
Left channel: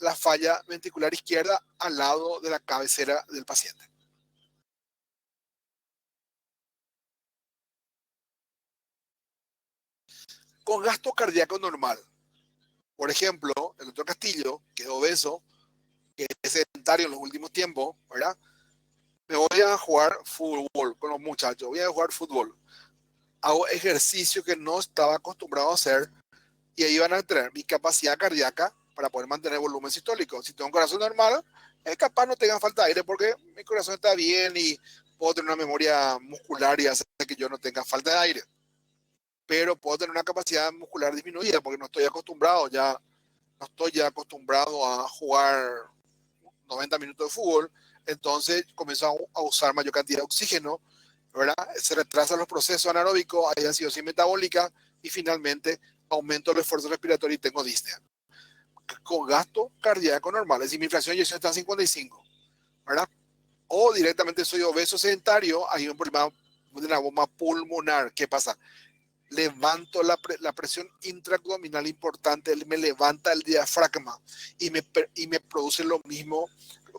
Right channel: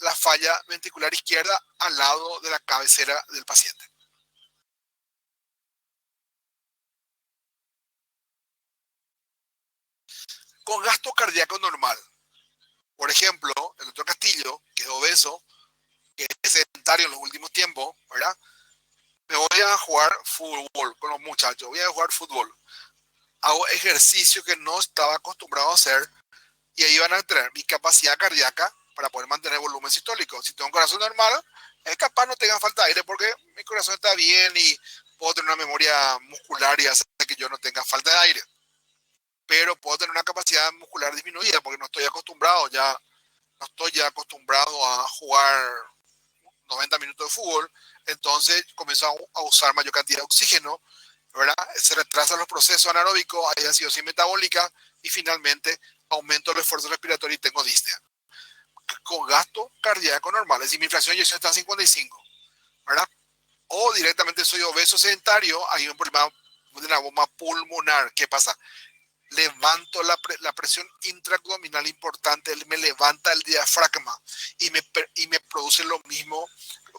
la falla ventricular izquierda al lado de la cabecera del paciente. Con gasto cardíaco normal. Por ejemplo, el doctor Castillo, que es obeso, que es sedentario en los últimos tiempos, ¿verdad? Me voy a jugar fútbol con los muchachos, voy a jugar fútbol. Hago ejercicio que no estaba acostumbrado a hacer y ahí van a tener mi capacidad cardíaca para poder mantener volumen sistólico. Si tengo un corazón normal, es capaz no tenga falta de aire porque mi corazón está bien y puedo tener una memoria muscular y hacer que yo no tenga falta de aire. Pero puedo tener una capacidad muscular disminuida porque no estoy acostumbrado a jugar 90 minutos de fútbol, entonces comienzo a usar mayor cantidad de oxígeno, ¿verdad? Se retrasan los procesos anaeróbicos, hay acidosis metabólica y finalmente aumento el esfuerzo respiratorio y tengo disnea. Con gasto cardíaco normal, es decir, mi fracción de eyección está en 55, ¿verdad? O directamente soy obeso sedentario, hay un problema de una bomba pulmonar. ¿Qué pasa? Levanto la presión intraabdominal importante, me levanta el diafragma y me produce lo mismo.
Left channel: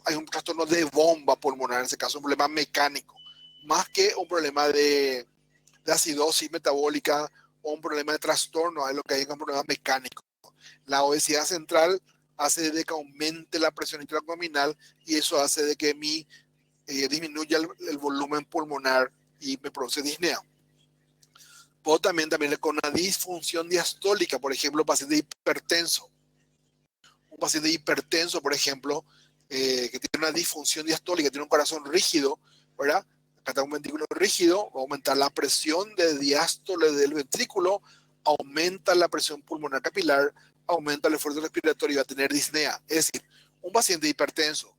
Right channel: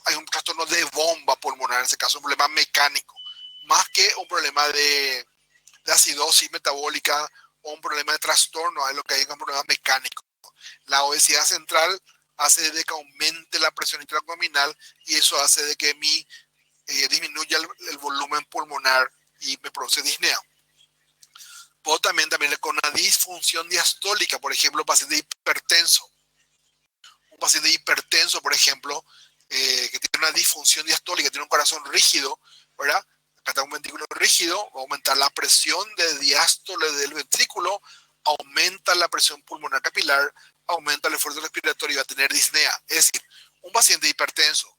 Hay un trastorno de bomba pulmonar, en ese caso un problema mecánico, más que un problema de acidosis metabólica o un problema de trastorno, es lo que hay un problema mecánico. La obesidad central hace de que aumente la presión intraabdominal y eso hace de que disminuya el volumen pulmonar y me produce disnea. Puedo también con una disfunción diastólica, por ejemplo, paciente hipertenso. Un paciente hipertenso, por ejemplo, que tiene una disfunción diastólica, tiene un corazón rígido, ¿verdad? Acá está un ventrículo rígido, va a aumentar la presión de diástole del ventrículo, aumenta la presión pulmonar capilar, aumenta el esfuerzo respiratorio y va a tener disnea. Es decir, un paciente hipertenso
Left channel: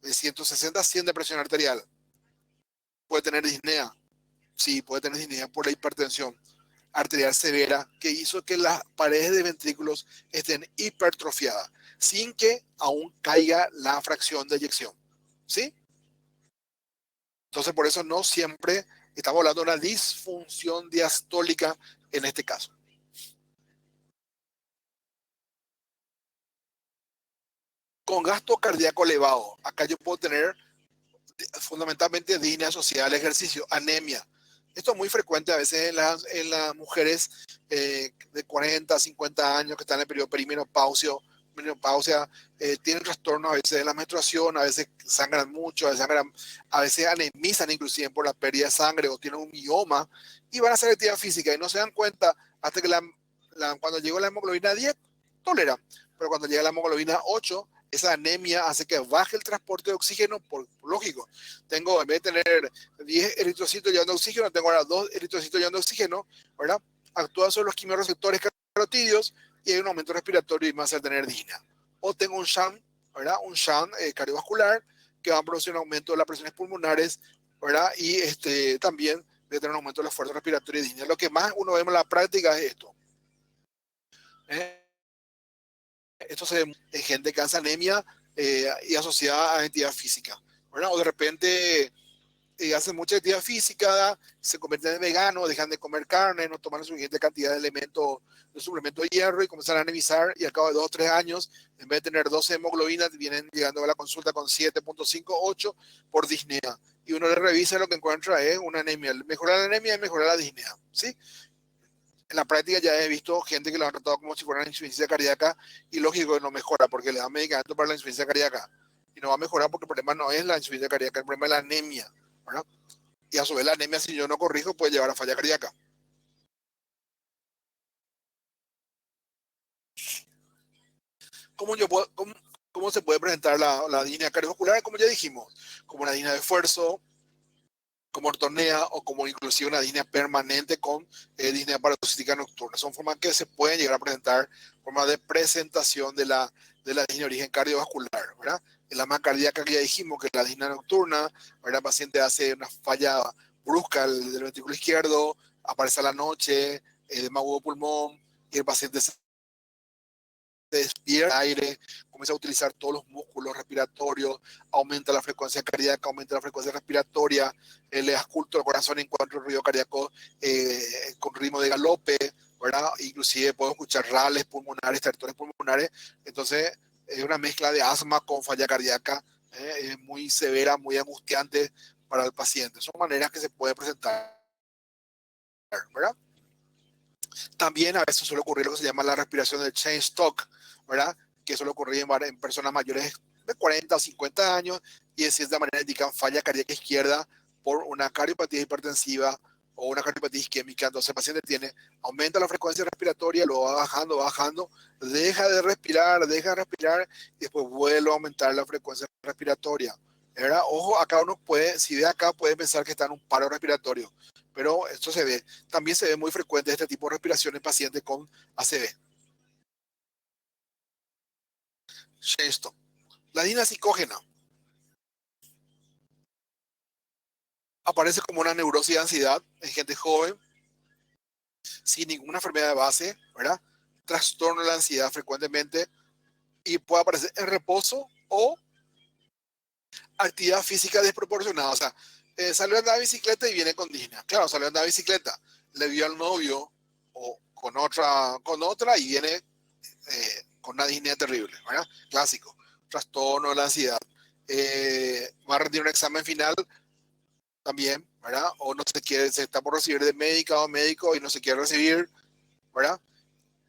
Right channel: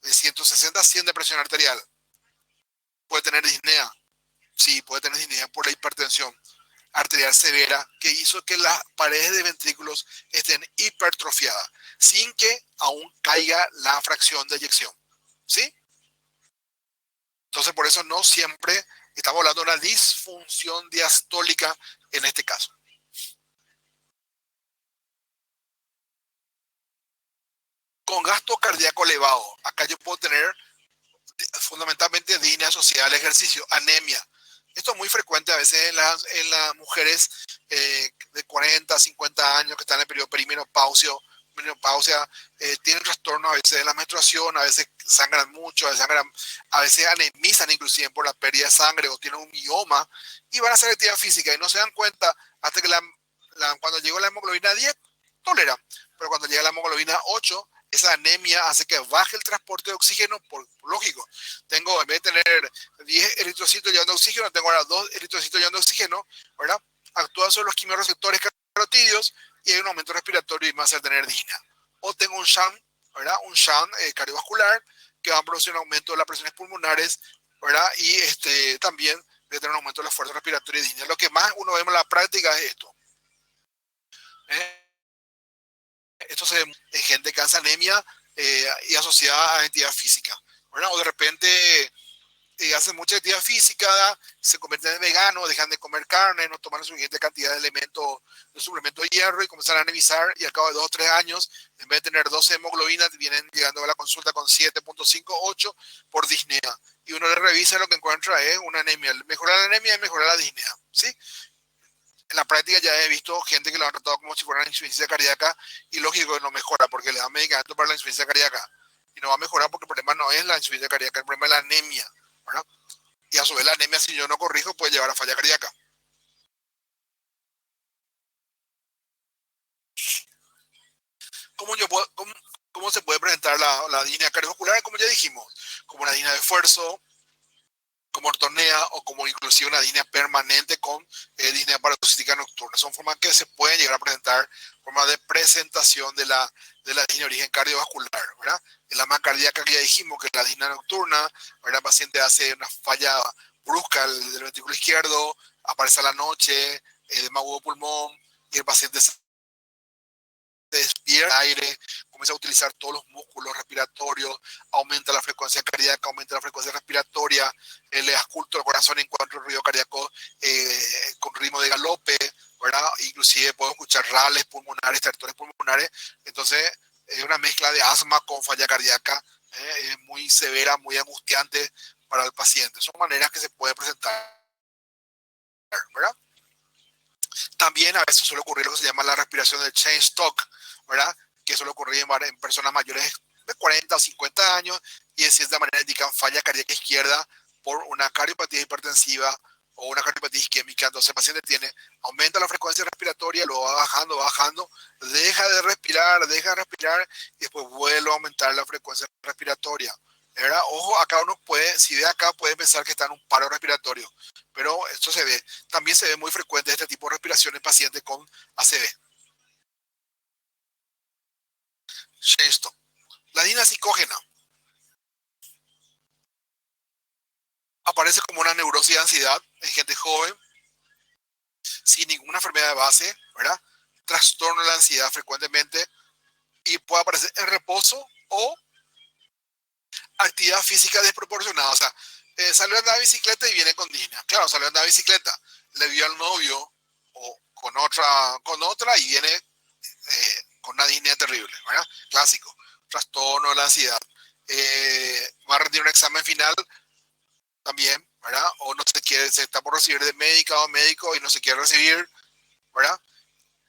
de 160 a 100 de presión arterial puede tener disnea. Sí, puede tener disnea por la hipertensión arterial severa que hizo que las paredes de ventrículos estén hipertrofiadas sin que aún caiga la fracción de eyección. ¿Sí? Entonces, por eso no siempre estamos hablando de una disfunción diastólica en este caso. Con gasto cardíaco elevado, acá yo puedo tener fundamentalmente disnea asociada al ejercicio, anemia. Esto es muy frecuente a veces en las mujeres de 40, 50 años que están en el periodo perimenopausia, tienen trastornos a veces de la menstruación, a veces sangran mucho, a veces anemizan inclusive por la pérdida de sangre o tienen un mioma y van a hacer actividad física y no se dan cuenta hasta que la cuando llegó la hemoglobina 10, tolera. Pero cuando llega la hemoglobina 8, esa anemia hace que baje el transporte de oxígeno, por lógico. Tengo, en vez de tener 10 eritrocitos llevando oxígeno, tengo ahora 2 eritrocitos llevando oxígeno, ¿verdad? Actúa sobre los quimiorreceptores carotídeos y hay un aumento respiratorio y me hace tener disnea. O tengo un shunt, ¿verdad? Un shunt cardiovascular que va a producir un aumento de las presiones pulmonares, ¿verdad? Y también voy a tener un aumento de la fuerza respiratoria y disnea. Lo que más uno ve en la práctica es esto. Esto se ve en gente que hace anemia y asociada a actividad física, ¿verdad? O de repente hacen mucha actividad física, se convierten en veganos, dejan de comer carne, no toman la suficiente cantidad de elementos, de suplemento de hierro y comienzan a anemizar y al cabo de 2 o 3 años, en vez de tener 12 hemoglobinas, vienen llegando a la consulta con 7.58 por disnea. Y uno le revisa, lo que encuentra es una anemia. Mejorar la anemia es mejorar la disnea, ¿sí? En la práctica ya he visto gente que lo han tratado como si fuera una insuficiencia cardíaca y lógico que no mejora porque le dan medicamento para la insuficiencia cardíaca y no va a mejorar porque el problema no es la insuficiencia cardíaca, el problema es la anemia, ¿verdad? Y a su vez la anemia, si yo no corrijo, puede llevar a falla cardíaca. ¿Cómo se puede presentar la disnea cardiovascular? Como ya dijimos, como una disnea de esfuerzo, como ortornea o como inclusive una disnea permanente con disnea paroxística nocturna. Son formas que se pueden llegar a presentar, formas de presentación de la disnea de origen cardiovascular, ¿verdad? En la más cardíaca que ya dijimos, que es la disnea nocturna, ¿verdad? El paciente hace una falla brusca del ventrículo izquierdo, aparece a la noche, edema agudo pulmón, y el paciente se despierta aire, comienza a utilizar todos los músculos respiratorios, aumenta la frecuencia cardíaca, aumenta la frecuencia respiratoria, le ausculta el corazón, encuentra el ruido cardíaco con ritmo de galope, ¿verdad? Inclusive puedo escuchar rales pulmonares, stertores pulmonares. Entonces es una mezcla de asma con falla cardíaca, es muy severa, muy angustiante para el paciente. Son maneras que se puede presentar, ¿verdad? También a veces suele ocurrir lo que se llama la respiración del chain stock, ¿verdad? Que suele ocurrir en personas mayores de 40 o 50 años y de cierta manera indican falla cardíaca izquierda por una cardiopatía hipertensiva o una cardiopatía isquémica. Entonces el paciente aumenta la frecuencia respiratoria, lo va bajando, deja de respirar y después vuelve a aumentar la frecuencia respiratoria. ¿Verdad? Ojo, acá uno puede, si ve acá, puede pensar que está en un paro respiratorio, pero esto se ve. También se ve muy frecuente este tipo de respiración en pacientes con ACV. Esto. La disnea psicógena aparece como una neurosis de ansiedad en gente joven, sin ninguna enfermedad de base, ¿verdad? Trastorno de la ansiedad frecuentemente y puede aparecer en reposo o actividad física desproporcionada. O sea, salió a andar en bicicleta y viene con disnea. Claro, salió a andar en bicicleta, le vio al novio o con otra y viene con una disnea terrible, ¿verdad? Clásico, trastorno de la ansiedad. Va a rendir un examen final también, ¿verdad? O no se quiere, se está por recibir de médica o médico y no se quiere recibir, ¿verdad?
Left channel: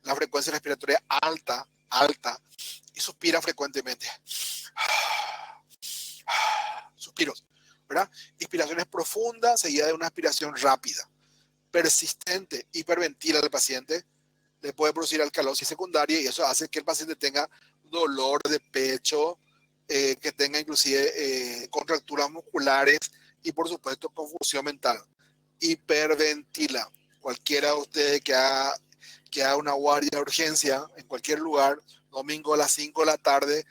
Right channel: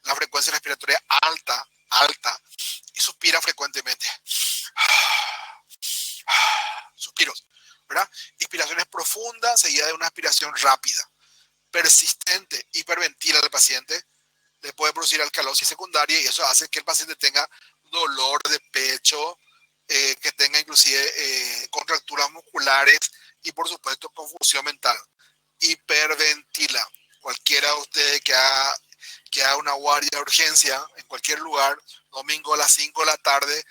La frecuencia respiratoria alta, y suspira frecuentemente. Suspiros, ¿verdad? Inspiraciones profundas seguida de una aspiración rápida, persistente, hiperventila al paciente, le puede producir alcalosis secundaria y eso hace que el paciente tenga dolor de pecho, que tenga inclusive contracturas musculares y por supuesto confusión mental. Hiperventila. Cualquiera de ustedes que haga una guardia de urgencia en cualquier lugar, domingo a las 5 de la tarde,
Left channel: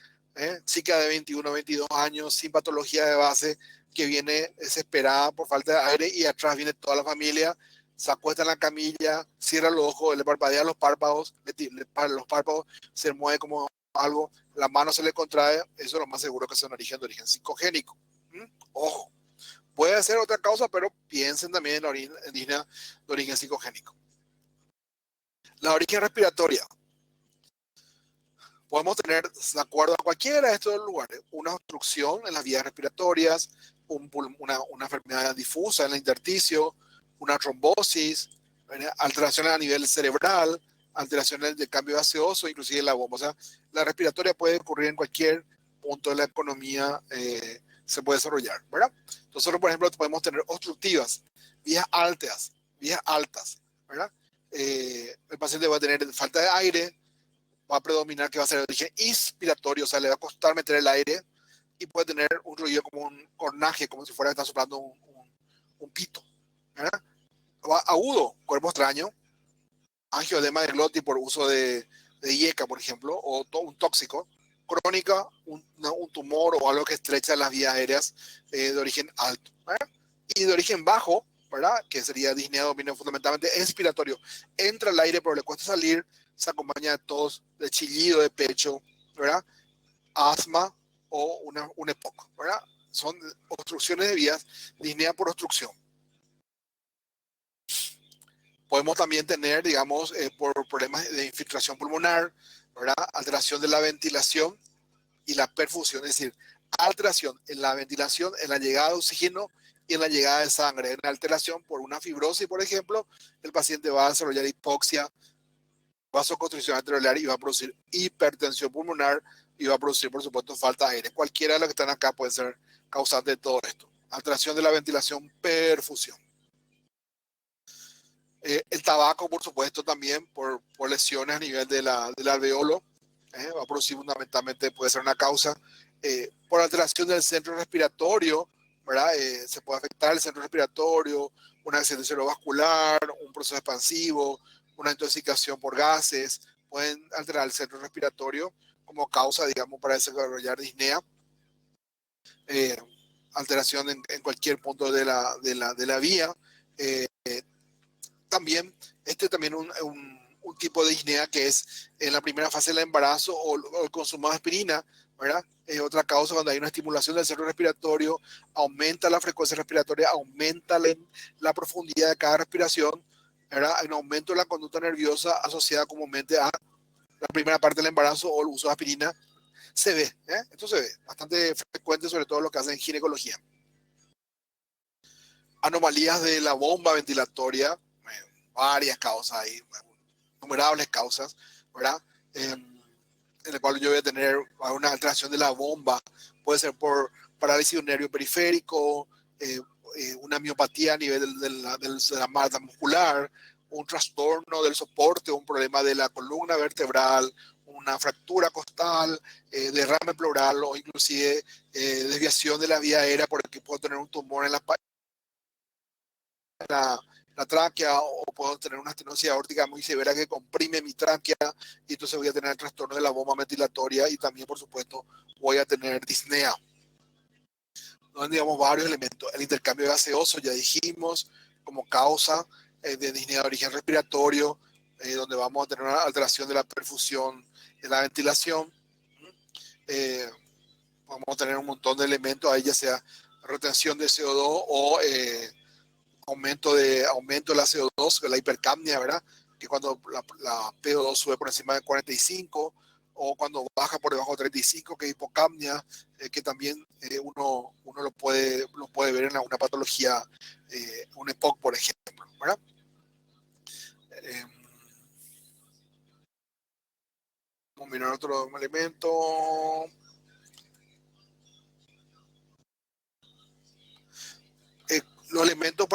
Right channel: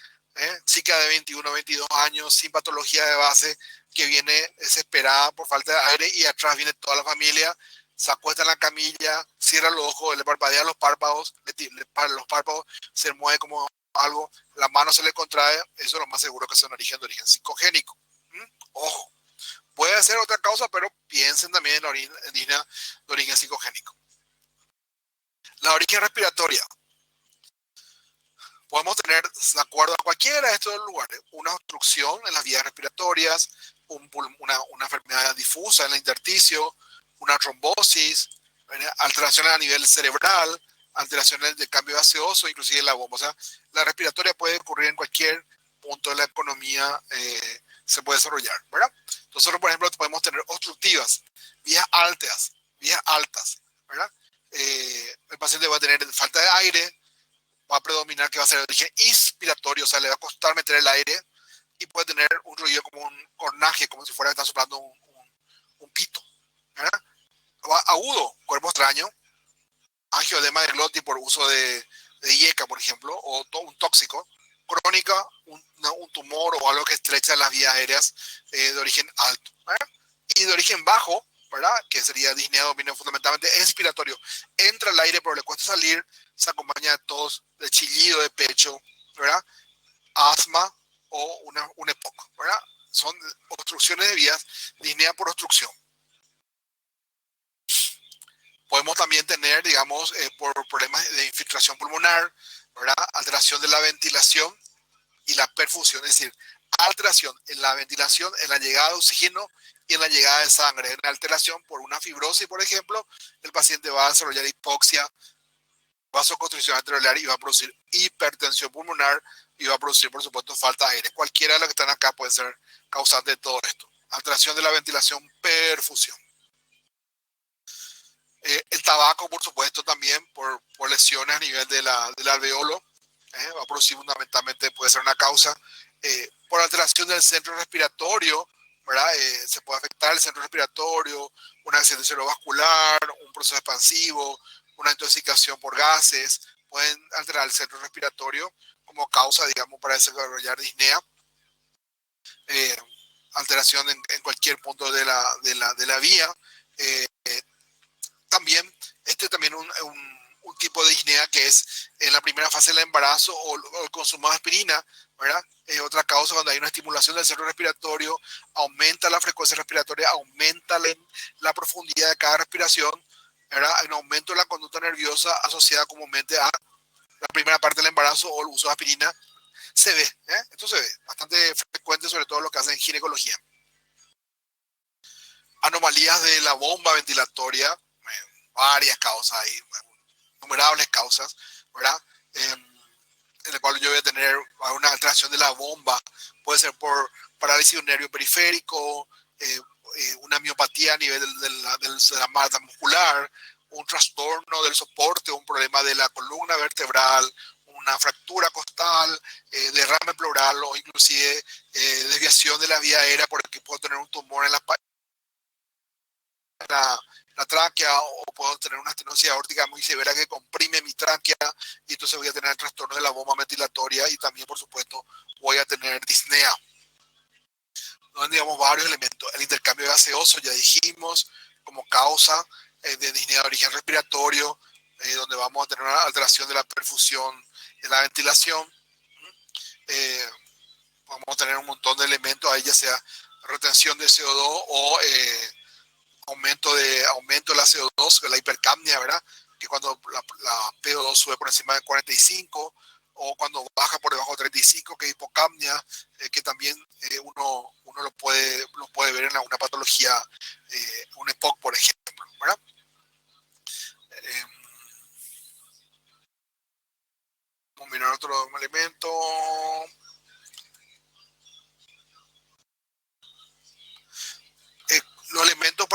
chica de 21 22 años, sin patología de base, que viene desesperada por falta de aire y atrás viene toda la familia, se acuesta en la camilla, cierra los ojos, le parpadea los párpados, los párpados, se mueve como algo, la mano se le contrae, eso es lo más seguro que sea un origen psicogénico. Ojo, puede ser otra causa, pero piensen también en la disnea de origen psicogénico. La origen respiratoria. Podemos tener, de acuerdo a cualquiera de estos lugares, una obstrucción en las vías respiratorias, una enfermedad difusa en el intersticio, una trombosis, alteraciones a nivel cerebral, alteraciones del cambio gaseoso, inclusive en la bomba. O sea, la respiratoria puede ocurrir en cualquier punto de la economía, se puede desarrollar, ¿verdad? Nosotros, por ejemplo, podemos tener obstructivas, vías altas, ¿verdad? el paciente va a tener falta de aire, va a predominar que va a ser de origen inspiratorio, o sea, le va a costar meter el aire y puede tener un ruido como un cornaje, como si fuera que está soplando un pito. ¿Verdad? Agudo, cuerpo extraño, angioedema de glotis por uso de IECA, por ejemplo, o un tóxico. Crónica, un tumor o algo que estrecha las vías aéreas de origen alto. ¿Verdad? Y de origen bajo, ¿verdad? Que sería disnea dominio fundamentalmente expiratorio. Entra el aire, pero le cuesta salir, se acompaña de tos, de chillido de pecho, ¿verdad? Asma o un EPOC, ¿verdad? Son obstrucciones de vías, disnea por obstrucción. Podemos también tener, digamos, por problemas de infiltración pulmonar, ¿verdad? Alteración de la ventilación y la perfusión, es decir, alteración en la ventilación, en la llegada de oxígeno y en la llegada de sangre. En la alteración por una fibrosis, por ejemplo, el paciente va a desarrollar hipoxia, vasoconstricción arteriolar y va a producir hipertensión pulmonar y va a producir, por supuesto, falta de aire. Cualquiera de los que están acá puede ser causante de todo esto. Alteración de la ventilación, perfusión. El tabaco, por supuesto, también por lesiones a nivel del alveolo, va a producir fundamentalmente, puede ser una causa. Por alteración del centro respiratorio, ¿verdad? Se puede afectar el centro respiratorio, un accidente cerebrovascular, un proceso expansivo, una intoxicación por gases, pueden alterar el centro respiratorio como causa, digamos, para desarrollar disnea. Alteración en cualquier punto de la vía. También, también un tipo de disnea que es en la primera fase del embarazo o el consumo de aspirina, ¿verdad? Otra causa cuando hay una estimulación del centro respiratorio, aumenta la frecuencia respiratoria, aumenta la profundidad de cada respiración, ¿verdad? Hay un aumento de la conducta nerviosa asociada comúnmente a la primera parte del embarazo o el uso de aspirina. Se ve, esto se ve bastante frecuente, sobre todo lo que hacen en ginecología. Anomalías de la bomba ventilatoria, varias causas ahí, innumerables causas, ¿verdad? En el cual yo voy a tener una alteración de la bomba, puede ser por parálisis de un nervio periférico, una miopatía a nivel de la masa muscular, un trastorno del soporte, un problema de la columna vertebral, una fractura costal, derrame pleural o inclusive desviación de la vía aérea porque puedo tener un tumor en la tráquea o puedo tener una estenosis aórtica muy severa que comprime mi tráquea y entonces voy a tener el trastorno de la bomba ventilatoria y también, por supuesto, voy a tener disnea. Donde digamos varios elementos. El intercambio gaseoso, ya dijimos, como causa de disnea de origen respiratorio, donde vamos a tener una alteración de la perfusión de la ventilación. Vamos a tener un montón de elementos ahí, ya sea retención de CO2 o aumento de la CO2, la hipercapnia, ¿verdad? Que cuando la PO2 sube por encima de 45 o cuando baja por debajo de 35, que es hipocapnia, que también uno lo puede ver en una patología, un EPOC, por ejemplo, ¿verdad? Vamos a mirar otro elemento. Los elementos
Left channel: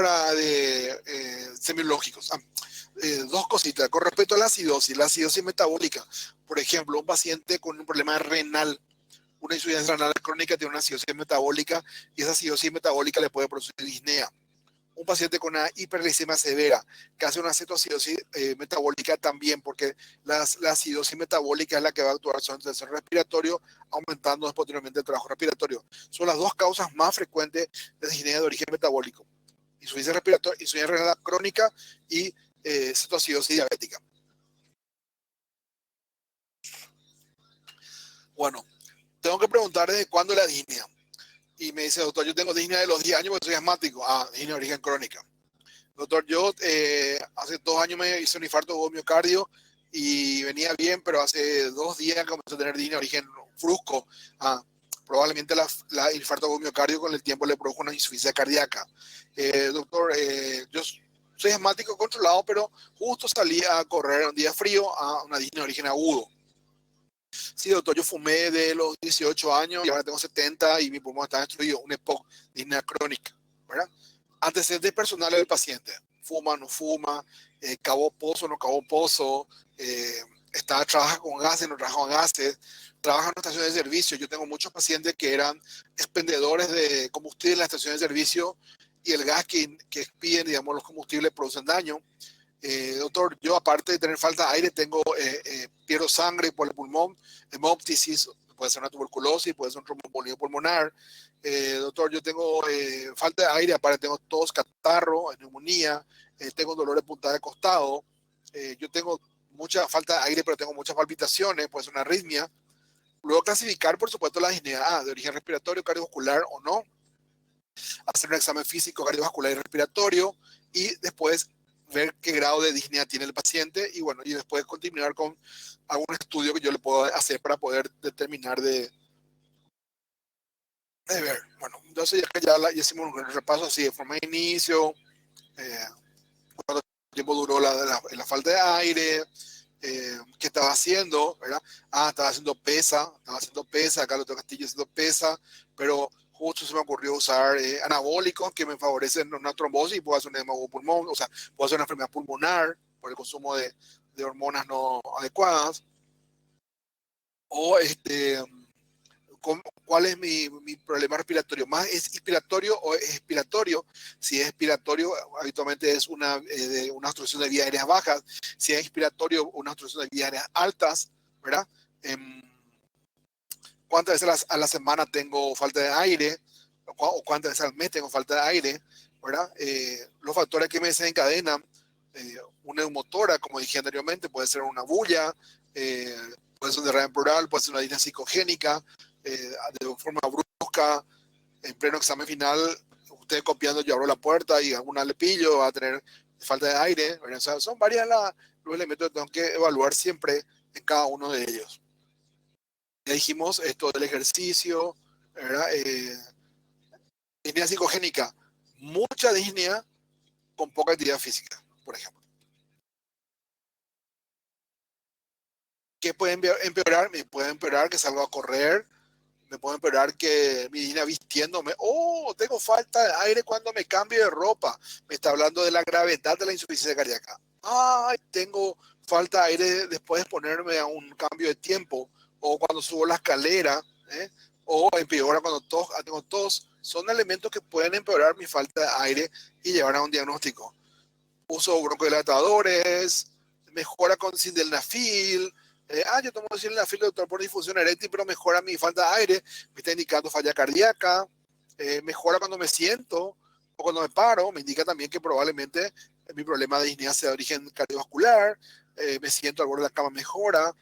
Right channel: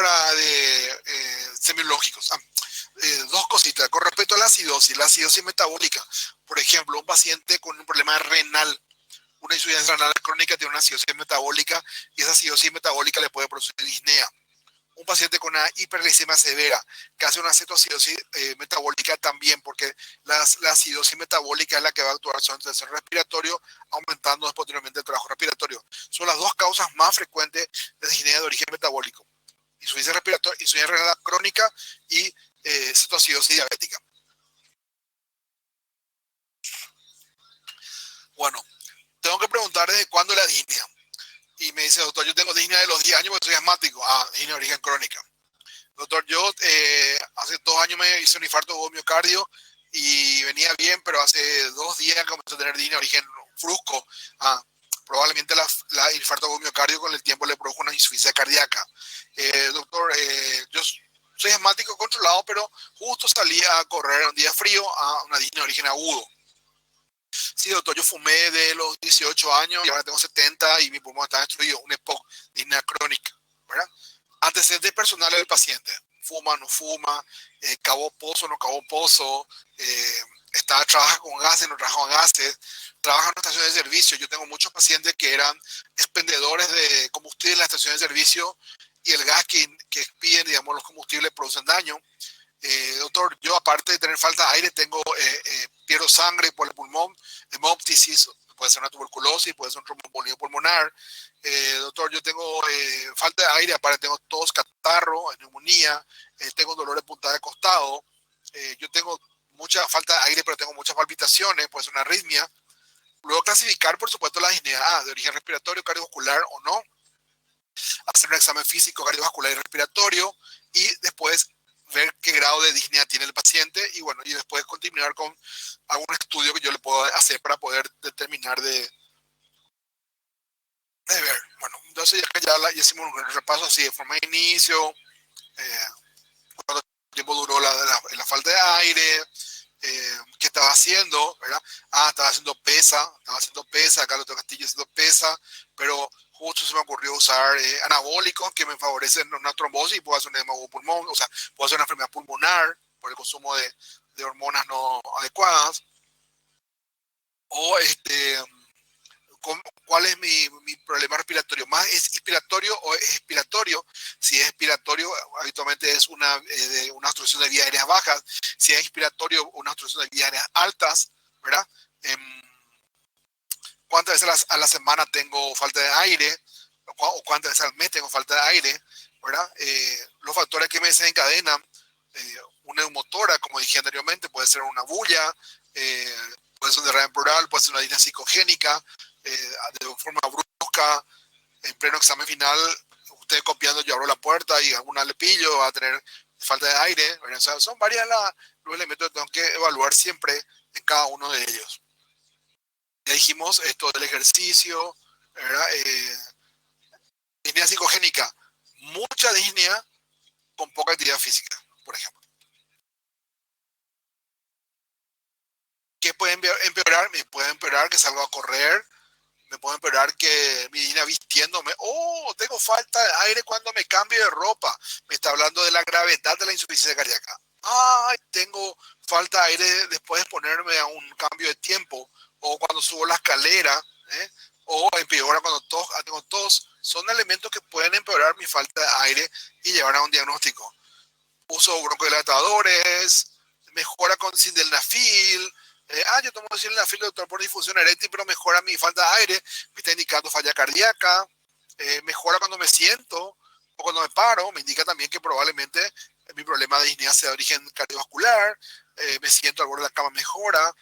semiológicos. Dos cositas. Con respecto a la acidosis metabólica, por ejemplo, un paciente con un problema renal, una insuficiencia renal crónica tiene una acidosis metabólica y esa acidosis metabólica le puede producir disnea. Un paciente con una hiperglicemia severa que hace una cetoacidosis metabólica también, porque la acidosis metabólica es la que va a actuar sobre el centro respiratorio, aumentando posteriormente el trabajo respiratorio. Son las dos causas más frecuentes de disnea de origen metabólico: insuficiencia respiratoria, insuficiencia renal crónica y cetoacidosis diabética. Bueno, tengo que preguntar desde cuándo la disnea. Y me dice, doctor, yo tengo disnea de los 10 años porque soy asmático. Disnea de origen crónica. Doctor, yo hace 2 años me hice un infarto de miocardio y venía bien, pero hace 2 días comencé a tener disnea de origen brusco. Probablemente el infarto de miocardio con el tiempo le produjo una insuficiencia cardíaca. Doctor, yo soy asmático controlado, pero justo salí a correr un día frío a una disnea de origen agudo. Sí, doctor, yo fumé de los 18 años y ahora tengo 70 y mi pulmón está destruido, un EPOC, disnea crónica, ¿verdad? Antecedentes personales del paciente. fuma, no fuma, cavó pozo, no cavó pozo, trabaja con gases, no trabaja con gases, trabaja en una estación de servicio. Yo tengo muchos pacientes que eran expendedores de combustible en la estación de servicio y el gas que expiden, digamos, los combustibles producen daño. Doctor, yo aparte de tener falta de aire, pierdo sangre por el pulmón, hemoptisis, puede ser una tuberculosis, puede ser un tromboembolismo pulmonar. Doctor, yo tengo falta de aire, aparte tengo tos, catarro, neumonía, tengo dolor de punta de costado, yo tengo mucha falta de aire, pero tengo muchas palpitaciones, puede ser una arritmia. Luego clasificar, por supuesto, la disnea de origen respiratorio, cardiovascular o no, hacer un examen físico, cardiovascular y respiratorio, y después ver qué grado de disnea tiene el paciente y bueno, y después continuar con algún estudio que yo le puedo hacer para poder determinar de ver. Bueno, entonces ya hicimos un repaso así de forma de inicio, cuánto tiempo duró la falta de aire, qué estaba haciendo, ¿verdad? Estaba haciendo pesa, Carlos Castillo haciendo pesa, pero justo se me ocurrió usar anabólicos que me favorecen una trombosis y puedo hacer un edema de pulmón, o sea, puedo hacer una enfermedad pulmonar por el consumo de hormonas no adecuadas. O ¿cuál es mi problema respiratorio? ¿Más es inspiratorio o es expiratorio? Si es expiratorio, habitualmente es una obstrucción de vías aéreas bajas. Si es inspiratorio, una obstrucción de vías aéreas altas, ¿verdad? ¿Cuántas veces a la semana tengo falta de aire? ¿O cuántas veces al mes tengo falta de aire? ¿Verdad? Los factores que me desencadenan, una neumotora, como dije anteriormente, puede ser una bulla, puede ser un derrame pleural, puede ser una disnea psicogénica, de forma brusca, en pleno examen final, usted copiando, yo abro la puerta y alguna le pillo, va a tener falta de aire. O sea, son varios los elementos que tengo que evaluar siempre en cada uno de ellos. Ya dijimos esto del ejercicio, ¿verdad? Disnea psicogénica, mucha disnea con poca actividad física, por ejemplo. ¿Qué puede empeorar? Me puede empeorar que salga a correr, me puede empeorar que mi disnea vistiéndome. Oh, tengo falta de aire cuando me cambio de ropa. Me está hablando de la gravedad de la insuficiencia cardíaca. Ay, tengo falta de aire después de ponerme a un cambio de tiempo o cuando subo la escalera, ¿eh? O empeora cuando tengo tos. Son elementos que pueden empeorar mi falta de aire y llevar a un diagnóstico. Uso broncodilatadores, mejora con sildenafil. Yo tomo sildenafil, doctor, por difusión eréctil, pero mejora mi falta de aire, me está indicando falla cardíaca, mejora cuando me siento o cuando me paro, me indica también que probablemente mi problema de disnea sea de origen cardiovascular, me siento al borde de la cama, mejora,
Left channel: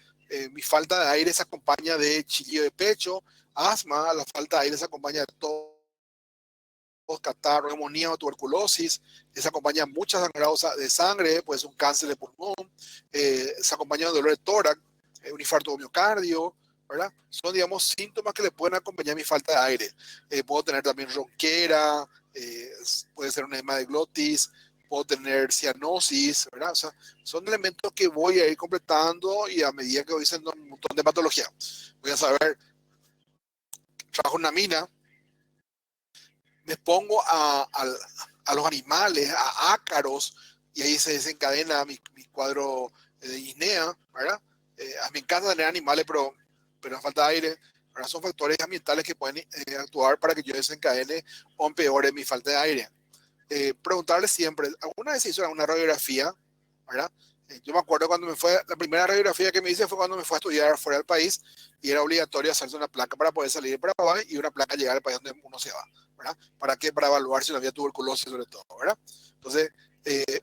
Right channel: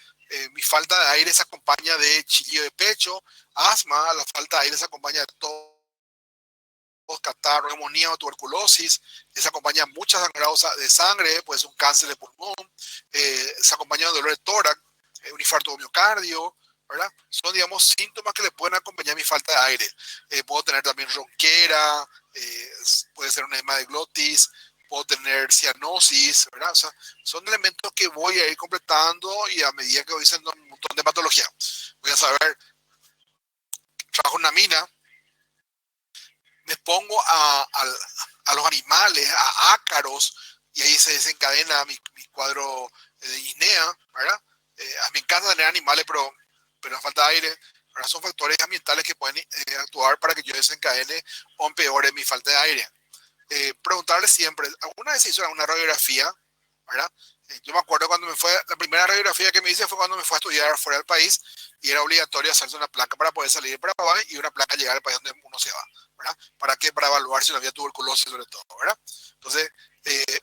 mi falta de aire se acompaña de chillido de pecho, asma, la falta de aire se acompaña de todo catarro, neumonía o tuberculosis, se acompaña muchas sangrados de sangre, puede ser un cáncer de pulmón, se acompaña de dolor de tórax, un infarto de miocardio, ¿verdad? Son, digamos, síntomas que le pueden acompañar a mi falta de aire. Puedo tener también ronquera, puede ser un edema de glotis, puedo tener cianosis, ¿verdad? O sea, son elementos que voy a ir completando y a medida que voy haciendo un montón de patología. Voy a saber, trabajo en una mina, me pongo a los animales, a ácaros, y ahí se desencadena mi cuadro de disnea, ¿verdad? Me encanta tener animales, pero falta de aire, ¿verdad? Son factores ambientales que pueden actuar para que yo desencadene o empeore mi falta de aire. Preguntarle siempre, ¿alguna vez se hizo una radiografía? ¿Verdad? Yo me acuerdo cuando la primera radiografía que me hice fue cuando me fue a estudiar fuera del país y era obligatorio hacerse una placa para poder salir de Paraguay y una placa llegar al país donde uno se va, ¿verdad? ¿Para qué? Para evaluar si no había tuberculosis sobre todo, ¿verdad? Entonces,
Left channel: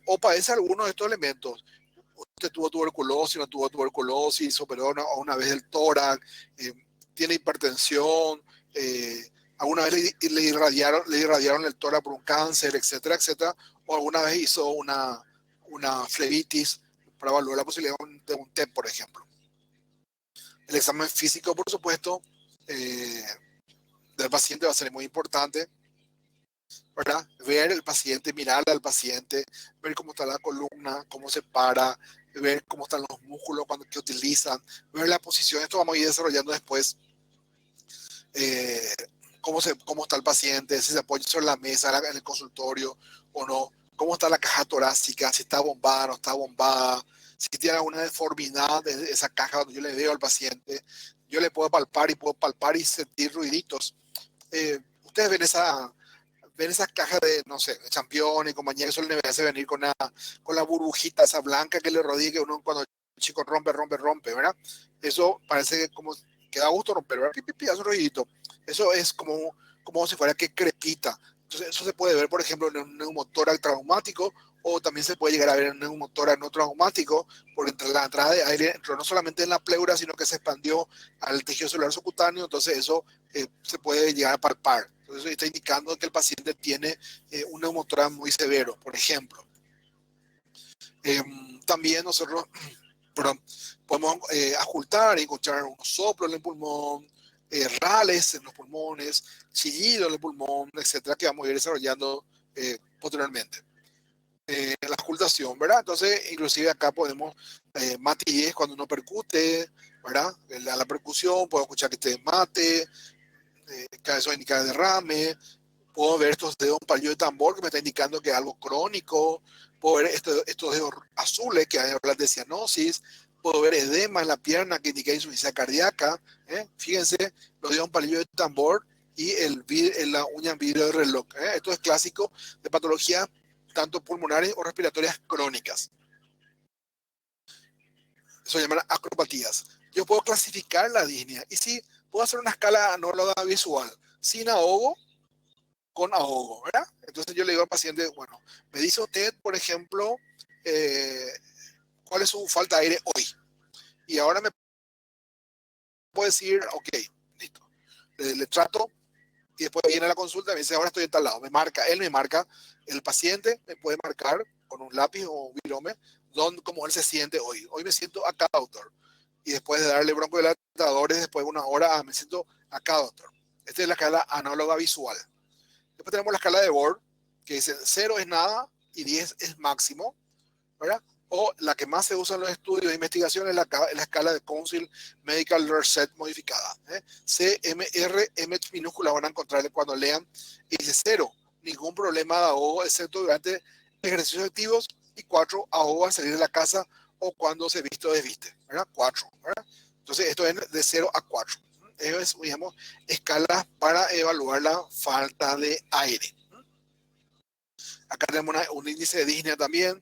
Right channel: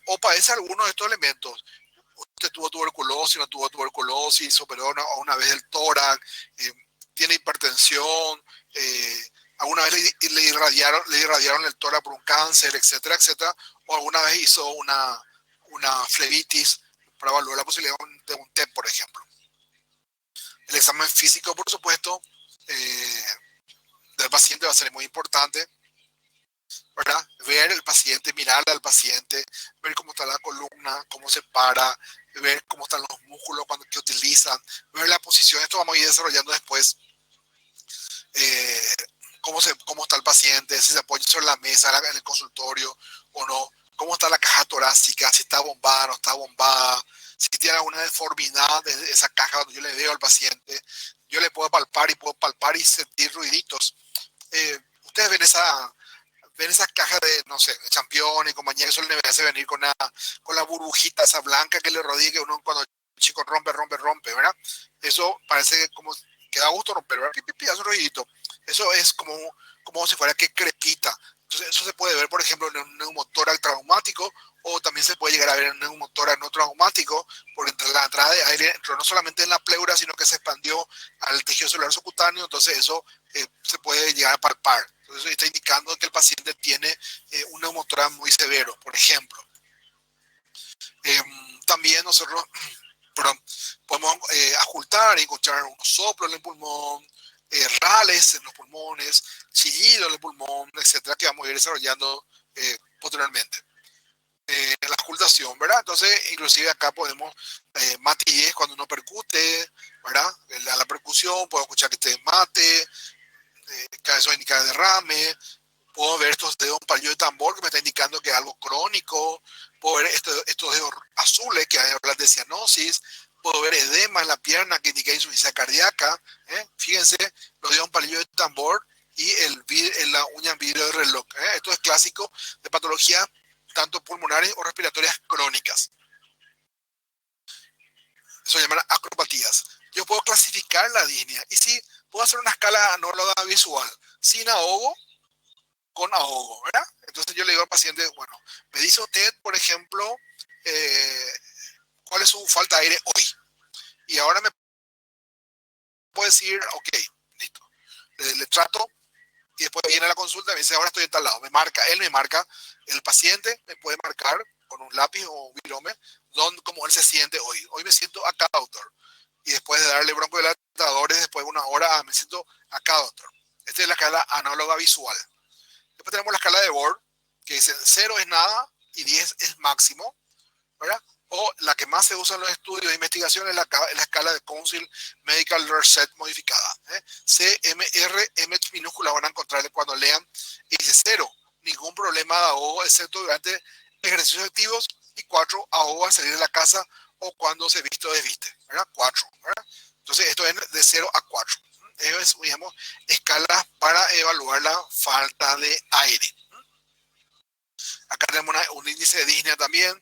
o padece alguno de estos elementos. Usted tuvo tuberculosis, no tuvo tuberculosis, operó una vez el tórax, tiene hipertensión, alguna vez le irradiaron el tórax por un cáncer, etcétera, etcétera, o alguna vez hizo una flebitis para evaluar la posibilidad de un TEP, por ejemplo. El examen físico, por supuesto, del paciente va a ser muy importante, ¿verdad? Ver el paciente, mirarle al paciente, ver cómo está la columna, cómo se para, ver cómo están los músculos que utilizan, ver la posición. Esto vamos a ir desarrollando después. Cómo está el paciente, si se apoya sobre la mesa en el consultorio o no, cómo está la caja torácica, si está bombada, no está bombada, si tiene alguna deformidad de esa caja. Cuando yo le veo al paciente, yo le puedo palpar y sentir ruiditos. Ustedes ven esas cajas de, no sé, de Champion y compañía que suelen hacer venir con la burbujita esa blanca que le rodea, que uno cuando el chico rompe, ¿verdad? Eso parece como que da gusto romper, ¿verdad? Hace un ruidito. Eso es como si fuera que crepita. Entonces, eso se puede ver, por ejemplo, en un neumotórax traumático, o también se puede llegar a ver en un neumotórax no traumático, porque entre la entrada de aire entró no solamente en la pleura, sino que se expandió al tejido celular subcutáneo. Entonces, eso se puede llegar a palpar. Entonces, eso está indicando que el paciente tiene un neumotórax muy severo, por ejemplo. También nosotros perdón, podemos ocultar y encontrar unos soplos en el pulmón, rales en los pulmones, chillido en el pulmón, etcétera, que vamos a ir desarrollando posteriormente. La ocultación, ¿verdad? Entonces, inclusive acá podemos matilles cuando uno percute, ¿verdad? La percusión, puedo escuchar que te mate, eso indica derrame. Puedo ver estos dedos, un palillo de tambor que me está indicando que es algo crónico. Puedo ver estos dedos azules que hablan de cianosis. Puedo ver edema en la pierna que indica insuficiencia cardíaca. Fíjense, los dedos, un palillo de tambor y la uña en vidrio de reloj. Esto es clásico de patologías tanto pulmonares o respiratorias crónicas. Eso se llaman acropatías. Yo puedo clasificar la disnea y sí, puedo hacer una escala análoga visual, sin ahogo, con ahogo, ¿verdad? Entonces yo le digo al paciente, bueno, me dice usted, por ejemplo, cuál es su falta de aire hoy. Y ahora me puede decir, ok, listo. Le trato y después viene a la consulta y me dice, ahora estoy en tal lado. Él me marca, el paciente me puede marcar con un lápiz o un virome, cómo él se siente hoy. Hoy me siento acá, doctor. Y después de darle broncodilatadores, después de una hora, me siento acá, doctor. Esta es la escala análoga visual. Después tenemos la escala de Borg, que dice 0 es nada y 10 es máximo, ¿verdad? O la que más se usa en los estudios de investigación es la escala de Council Medical Research modificada. CMR, M minúscula, van a encontrarle cuando lean. Y dice 0, ningún problema de ahogo, excepto durante ejercicios activos, y 4, ahogo al salir de la casa o cuando se viste o desviste, ¿verdad? 4, ¿verdad? Entonces, esto es de 0 a 4. Es, digamos, escalas para evaluar la falta de aire. Acá tenemos un índice de disnea también,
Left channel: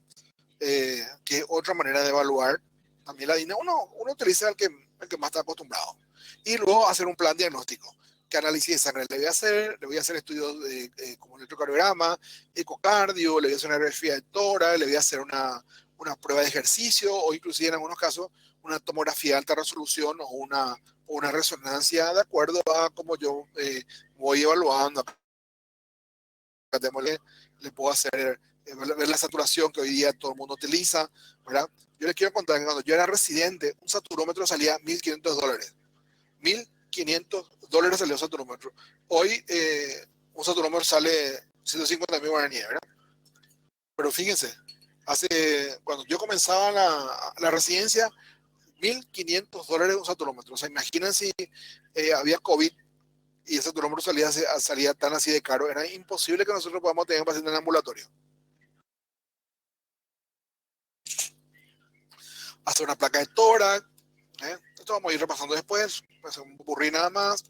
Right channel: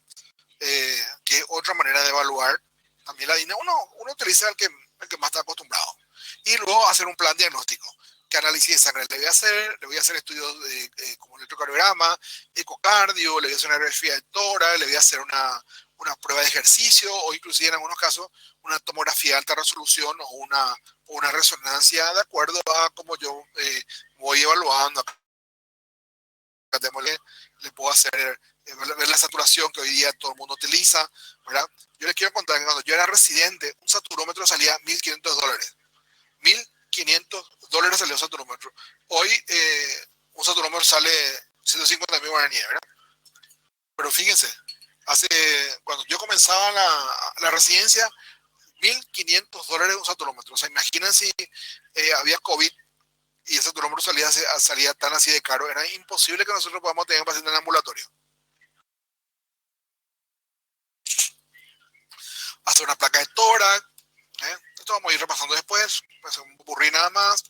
que es otra manera de evaluar también la disnea. Uno utiliza el que más está acostumbrado. Y luego hacer un plan diagnóstico. ¿Qué análisis de sangre le voy a hacer? Le voy a hacer estudios como electrocardiograma, ecocardio, le voy a hacer una radiografía de tórax, le voy a hacer una prueba de ejercicio o inclusive en algunos casos una tomografía de alta resolución o una resonancia de acuerdo a cómo yo voy evaluando. Le puedo hacer ver la saturación que hoy día todo el mundo utiliza, ¿verdad? Yo les quiero contar que cuando yo era residente, un saturómetro salía $1.500. $1.500 salió un saturómetro. Hoy un saturómetro sale 150.000 guaraníes, ¿verdad? Pero fíjense, cuando yo comenzaba la residencia, $1.500 un saturómetro. O sea, imaginen si había COVID y ese saturómetro salía tan así de caro. Era imposible que nosotros podamos tener un paciente en ambulatorio. Hacer una placa de tórax. Esto vamos a ir repasando después. Pues un burrí nada más.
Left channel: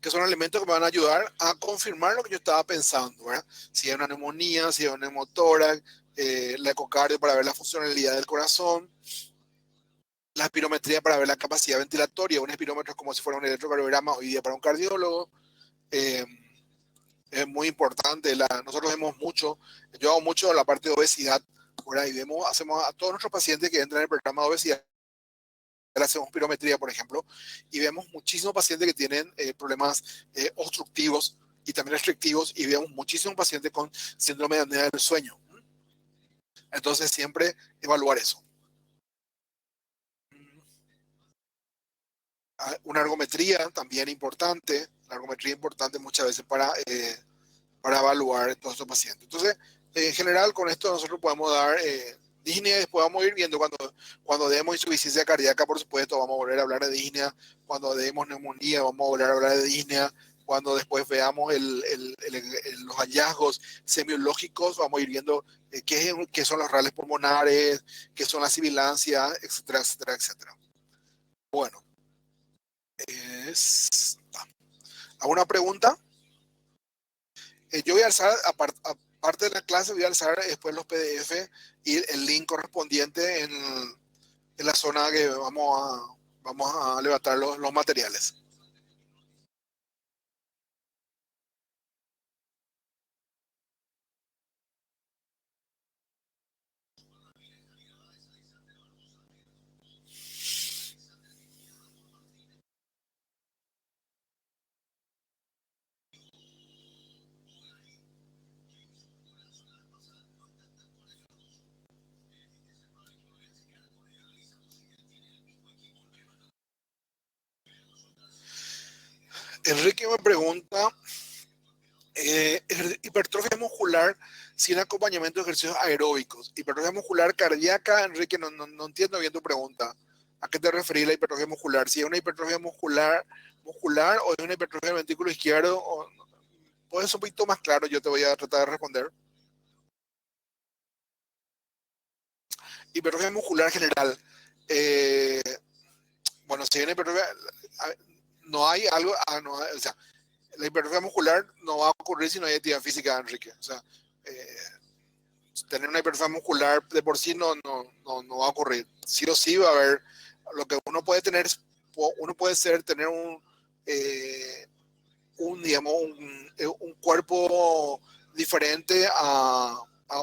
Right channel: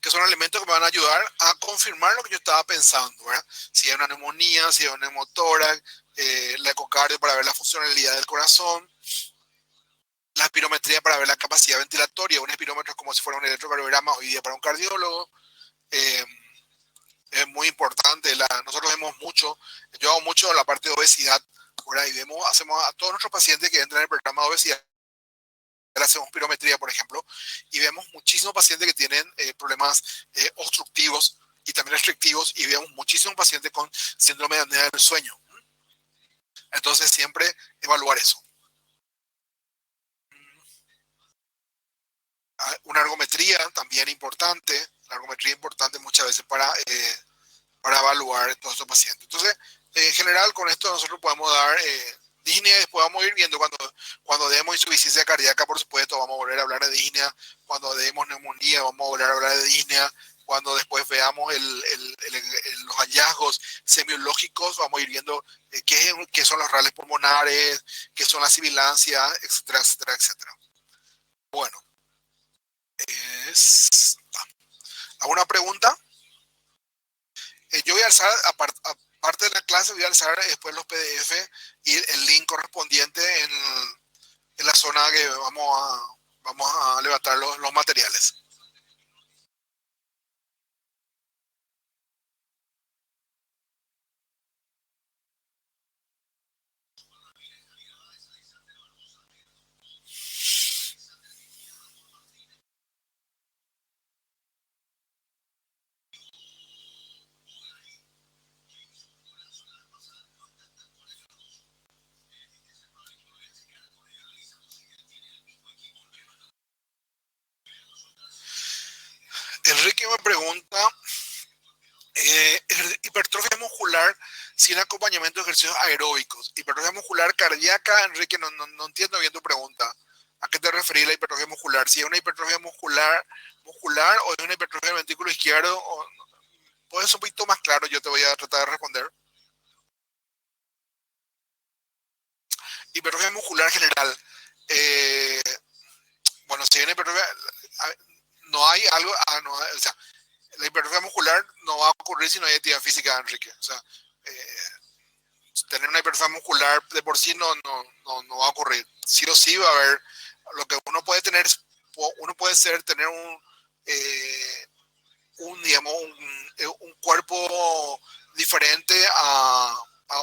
Que son elementos que me van a ayudar a confirmar lo que yo estaba pensando, ¿verdad? Si hay una neumonía, si hay un neumotórax, la ecocardio para ver la funcionalidad del corazón, la espirometría para ver la capacidad ventilatoria. Un espirómetro es como si fuera un electrocardiograma hoy día para un cardiólogo. Es muy importante. Nosotros vemos mucho, yo hago mucho la parte de obesidad, ¿verdad? Y hacemos a todos nuestros pacientes que entran en el programa de obesidad, hacemos pirometría, por ejemplo, y vemos muchísimos pacientes que tienen problemas obstructivos y también restrictivos, y vemos muchísimos pacientes con síndrome de apnea del sueño. Entonces, siempre evaluar eso. Una ergometría también importante, la ergometría importante muchas veces para evaluar todos estos pacientes. Entonces, en general, con esto nosotros podemos dar disnea, y después vamos a ir viendo cuando demos insuficiencia cardíaca, por supuesto, vamos a volver a hablar de disnea. Cuando demos neumonía, vamos a volver a hablar de disnea. cuando después veamos los hallazgos semiológicos, vamos a ir viendo qué son los rales pulmonares, qué son las sibilancias, etcétera, etcétera, etcétera. Bueno, ¿alguna pregunta? Yo voy a alzar, aparte de la clase, voy a alzar después los PDF y el link correspondiente en la zona que vamos a levantar los materiales. Enrique me pregunta, hipertrofia muscular sin acompañamiento de ejercicios aeróbicos. Hipertrofia muscular cardíaca, Enrique, no entiendo bien tu pregunta. ¿A qué te referís la hipertrofia muscular? Si es una hipertrofia muscular o es una hipertrofia del ventrículo izquierdo, puedes ser un poquito más claro, yo te voy a tratar de responder. Hipertrofia muscular general. Eh, bueno, si hay una hipertrofia, no hay algo, o sea, la hipertrofia muscular no va a ocurrir si no hay actividad física, Enrique. O sea, tener una hipertrofia muscular de por sí no va a ocurrir. Sí o sí va a haber, lo que uno puede tener, tener digamos, un cuerpo diferente a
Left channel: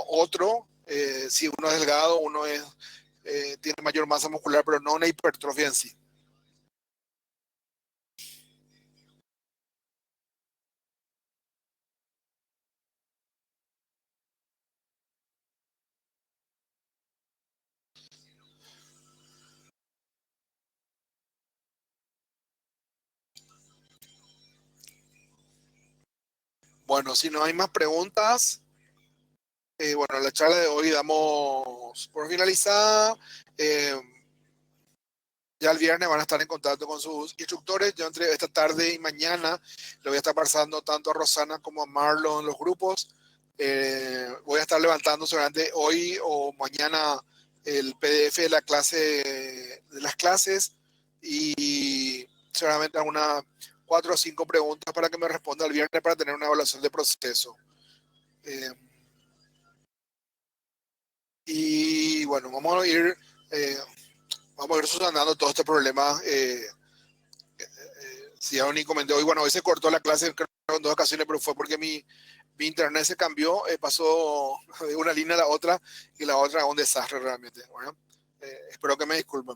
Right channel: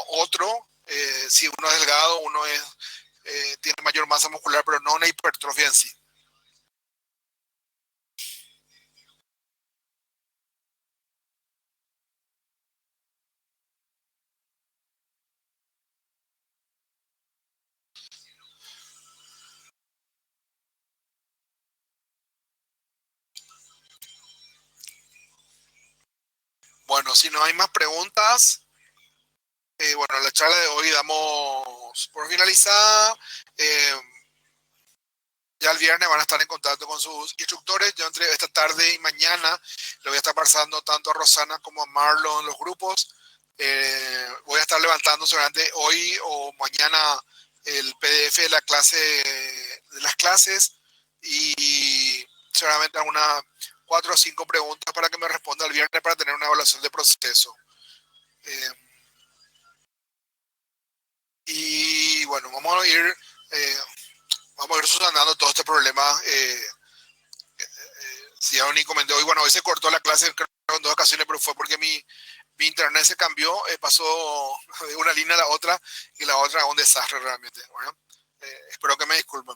otro. Si uno es delgado, tiene mayor masa muscular, pero no una hipertrofia en sí. Bueno, si no hay más preguntas, bueno, la charla de hoy damos por finalizada. Eh, ya el viernes van a estar en contacto con sus instructores. Yo entre esta tarde y mañana le voy a estar pasando tanto a Rosana como a Marlon en los grupos. Voy a estar levantando seguramente hoy o mañana el PDF de la clase, de las clases, y seguramente algunas 4 o 5 preguntas para que me responda el viernes para tener una evaluación de proceso. Eh, y bueno, eh, vamos a ir subsanando todo este problema. Si ya ni comenté hoy, bueno, hoy se cortó la clase creo, en 2 ocasiones, pero fue porque mi internet se cambió, pasó de una línea a la otra y la otra un desastre realmente. Bueno, espero que me disculpen.